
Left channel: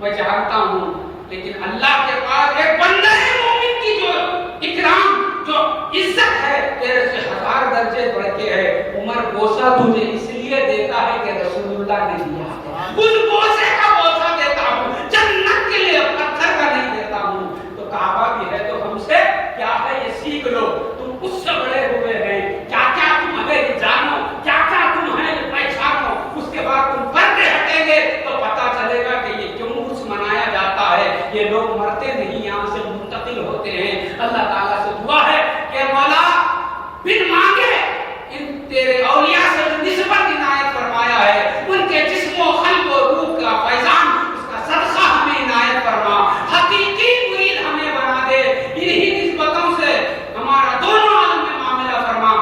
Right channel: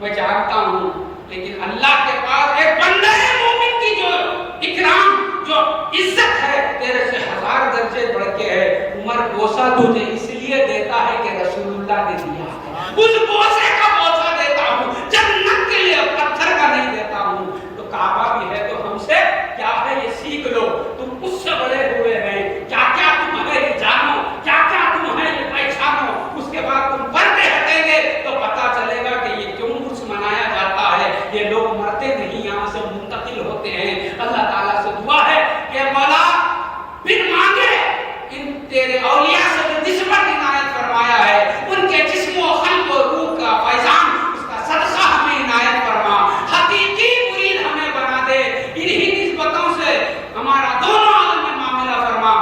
میں جانتا ہوں, لیکن اللہ کے پاس ایک بندے مومن کی جو اکرام, جو عزت ہے تیرے سے 1000 درجے بڑھ کے ہے. عمر بوسہ تجھے اس لیے دیتا ہے کہ رسول اللہ نے دیا ہے, اس بوسے کا بوسہ دیتا ہوں, جنت کے لیے پتھر کا نہیں دیتا ہوں. تو کعبہ بھی ہے تو یہ لوگ مرتے نہیں، یہاں سے منتقل ہوتے ہیں۔ اللہ تعالیٰ سے دعا ہے کہ مولا بن مانگے ان تیرے اولیاء سے جو نسبت عنایت فرمایا ہے، ان کے جسم و قلب و روح کا فیضان، اس کا صدقہ ہمیں عنایت فرما، حقیقی مرید ہمیں بنا دے، انہی نسبتوں سے ہمارا دونوں عالم میں معاملہ فرما۔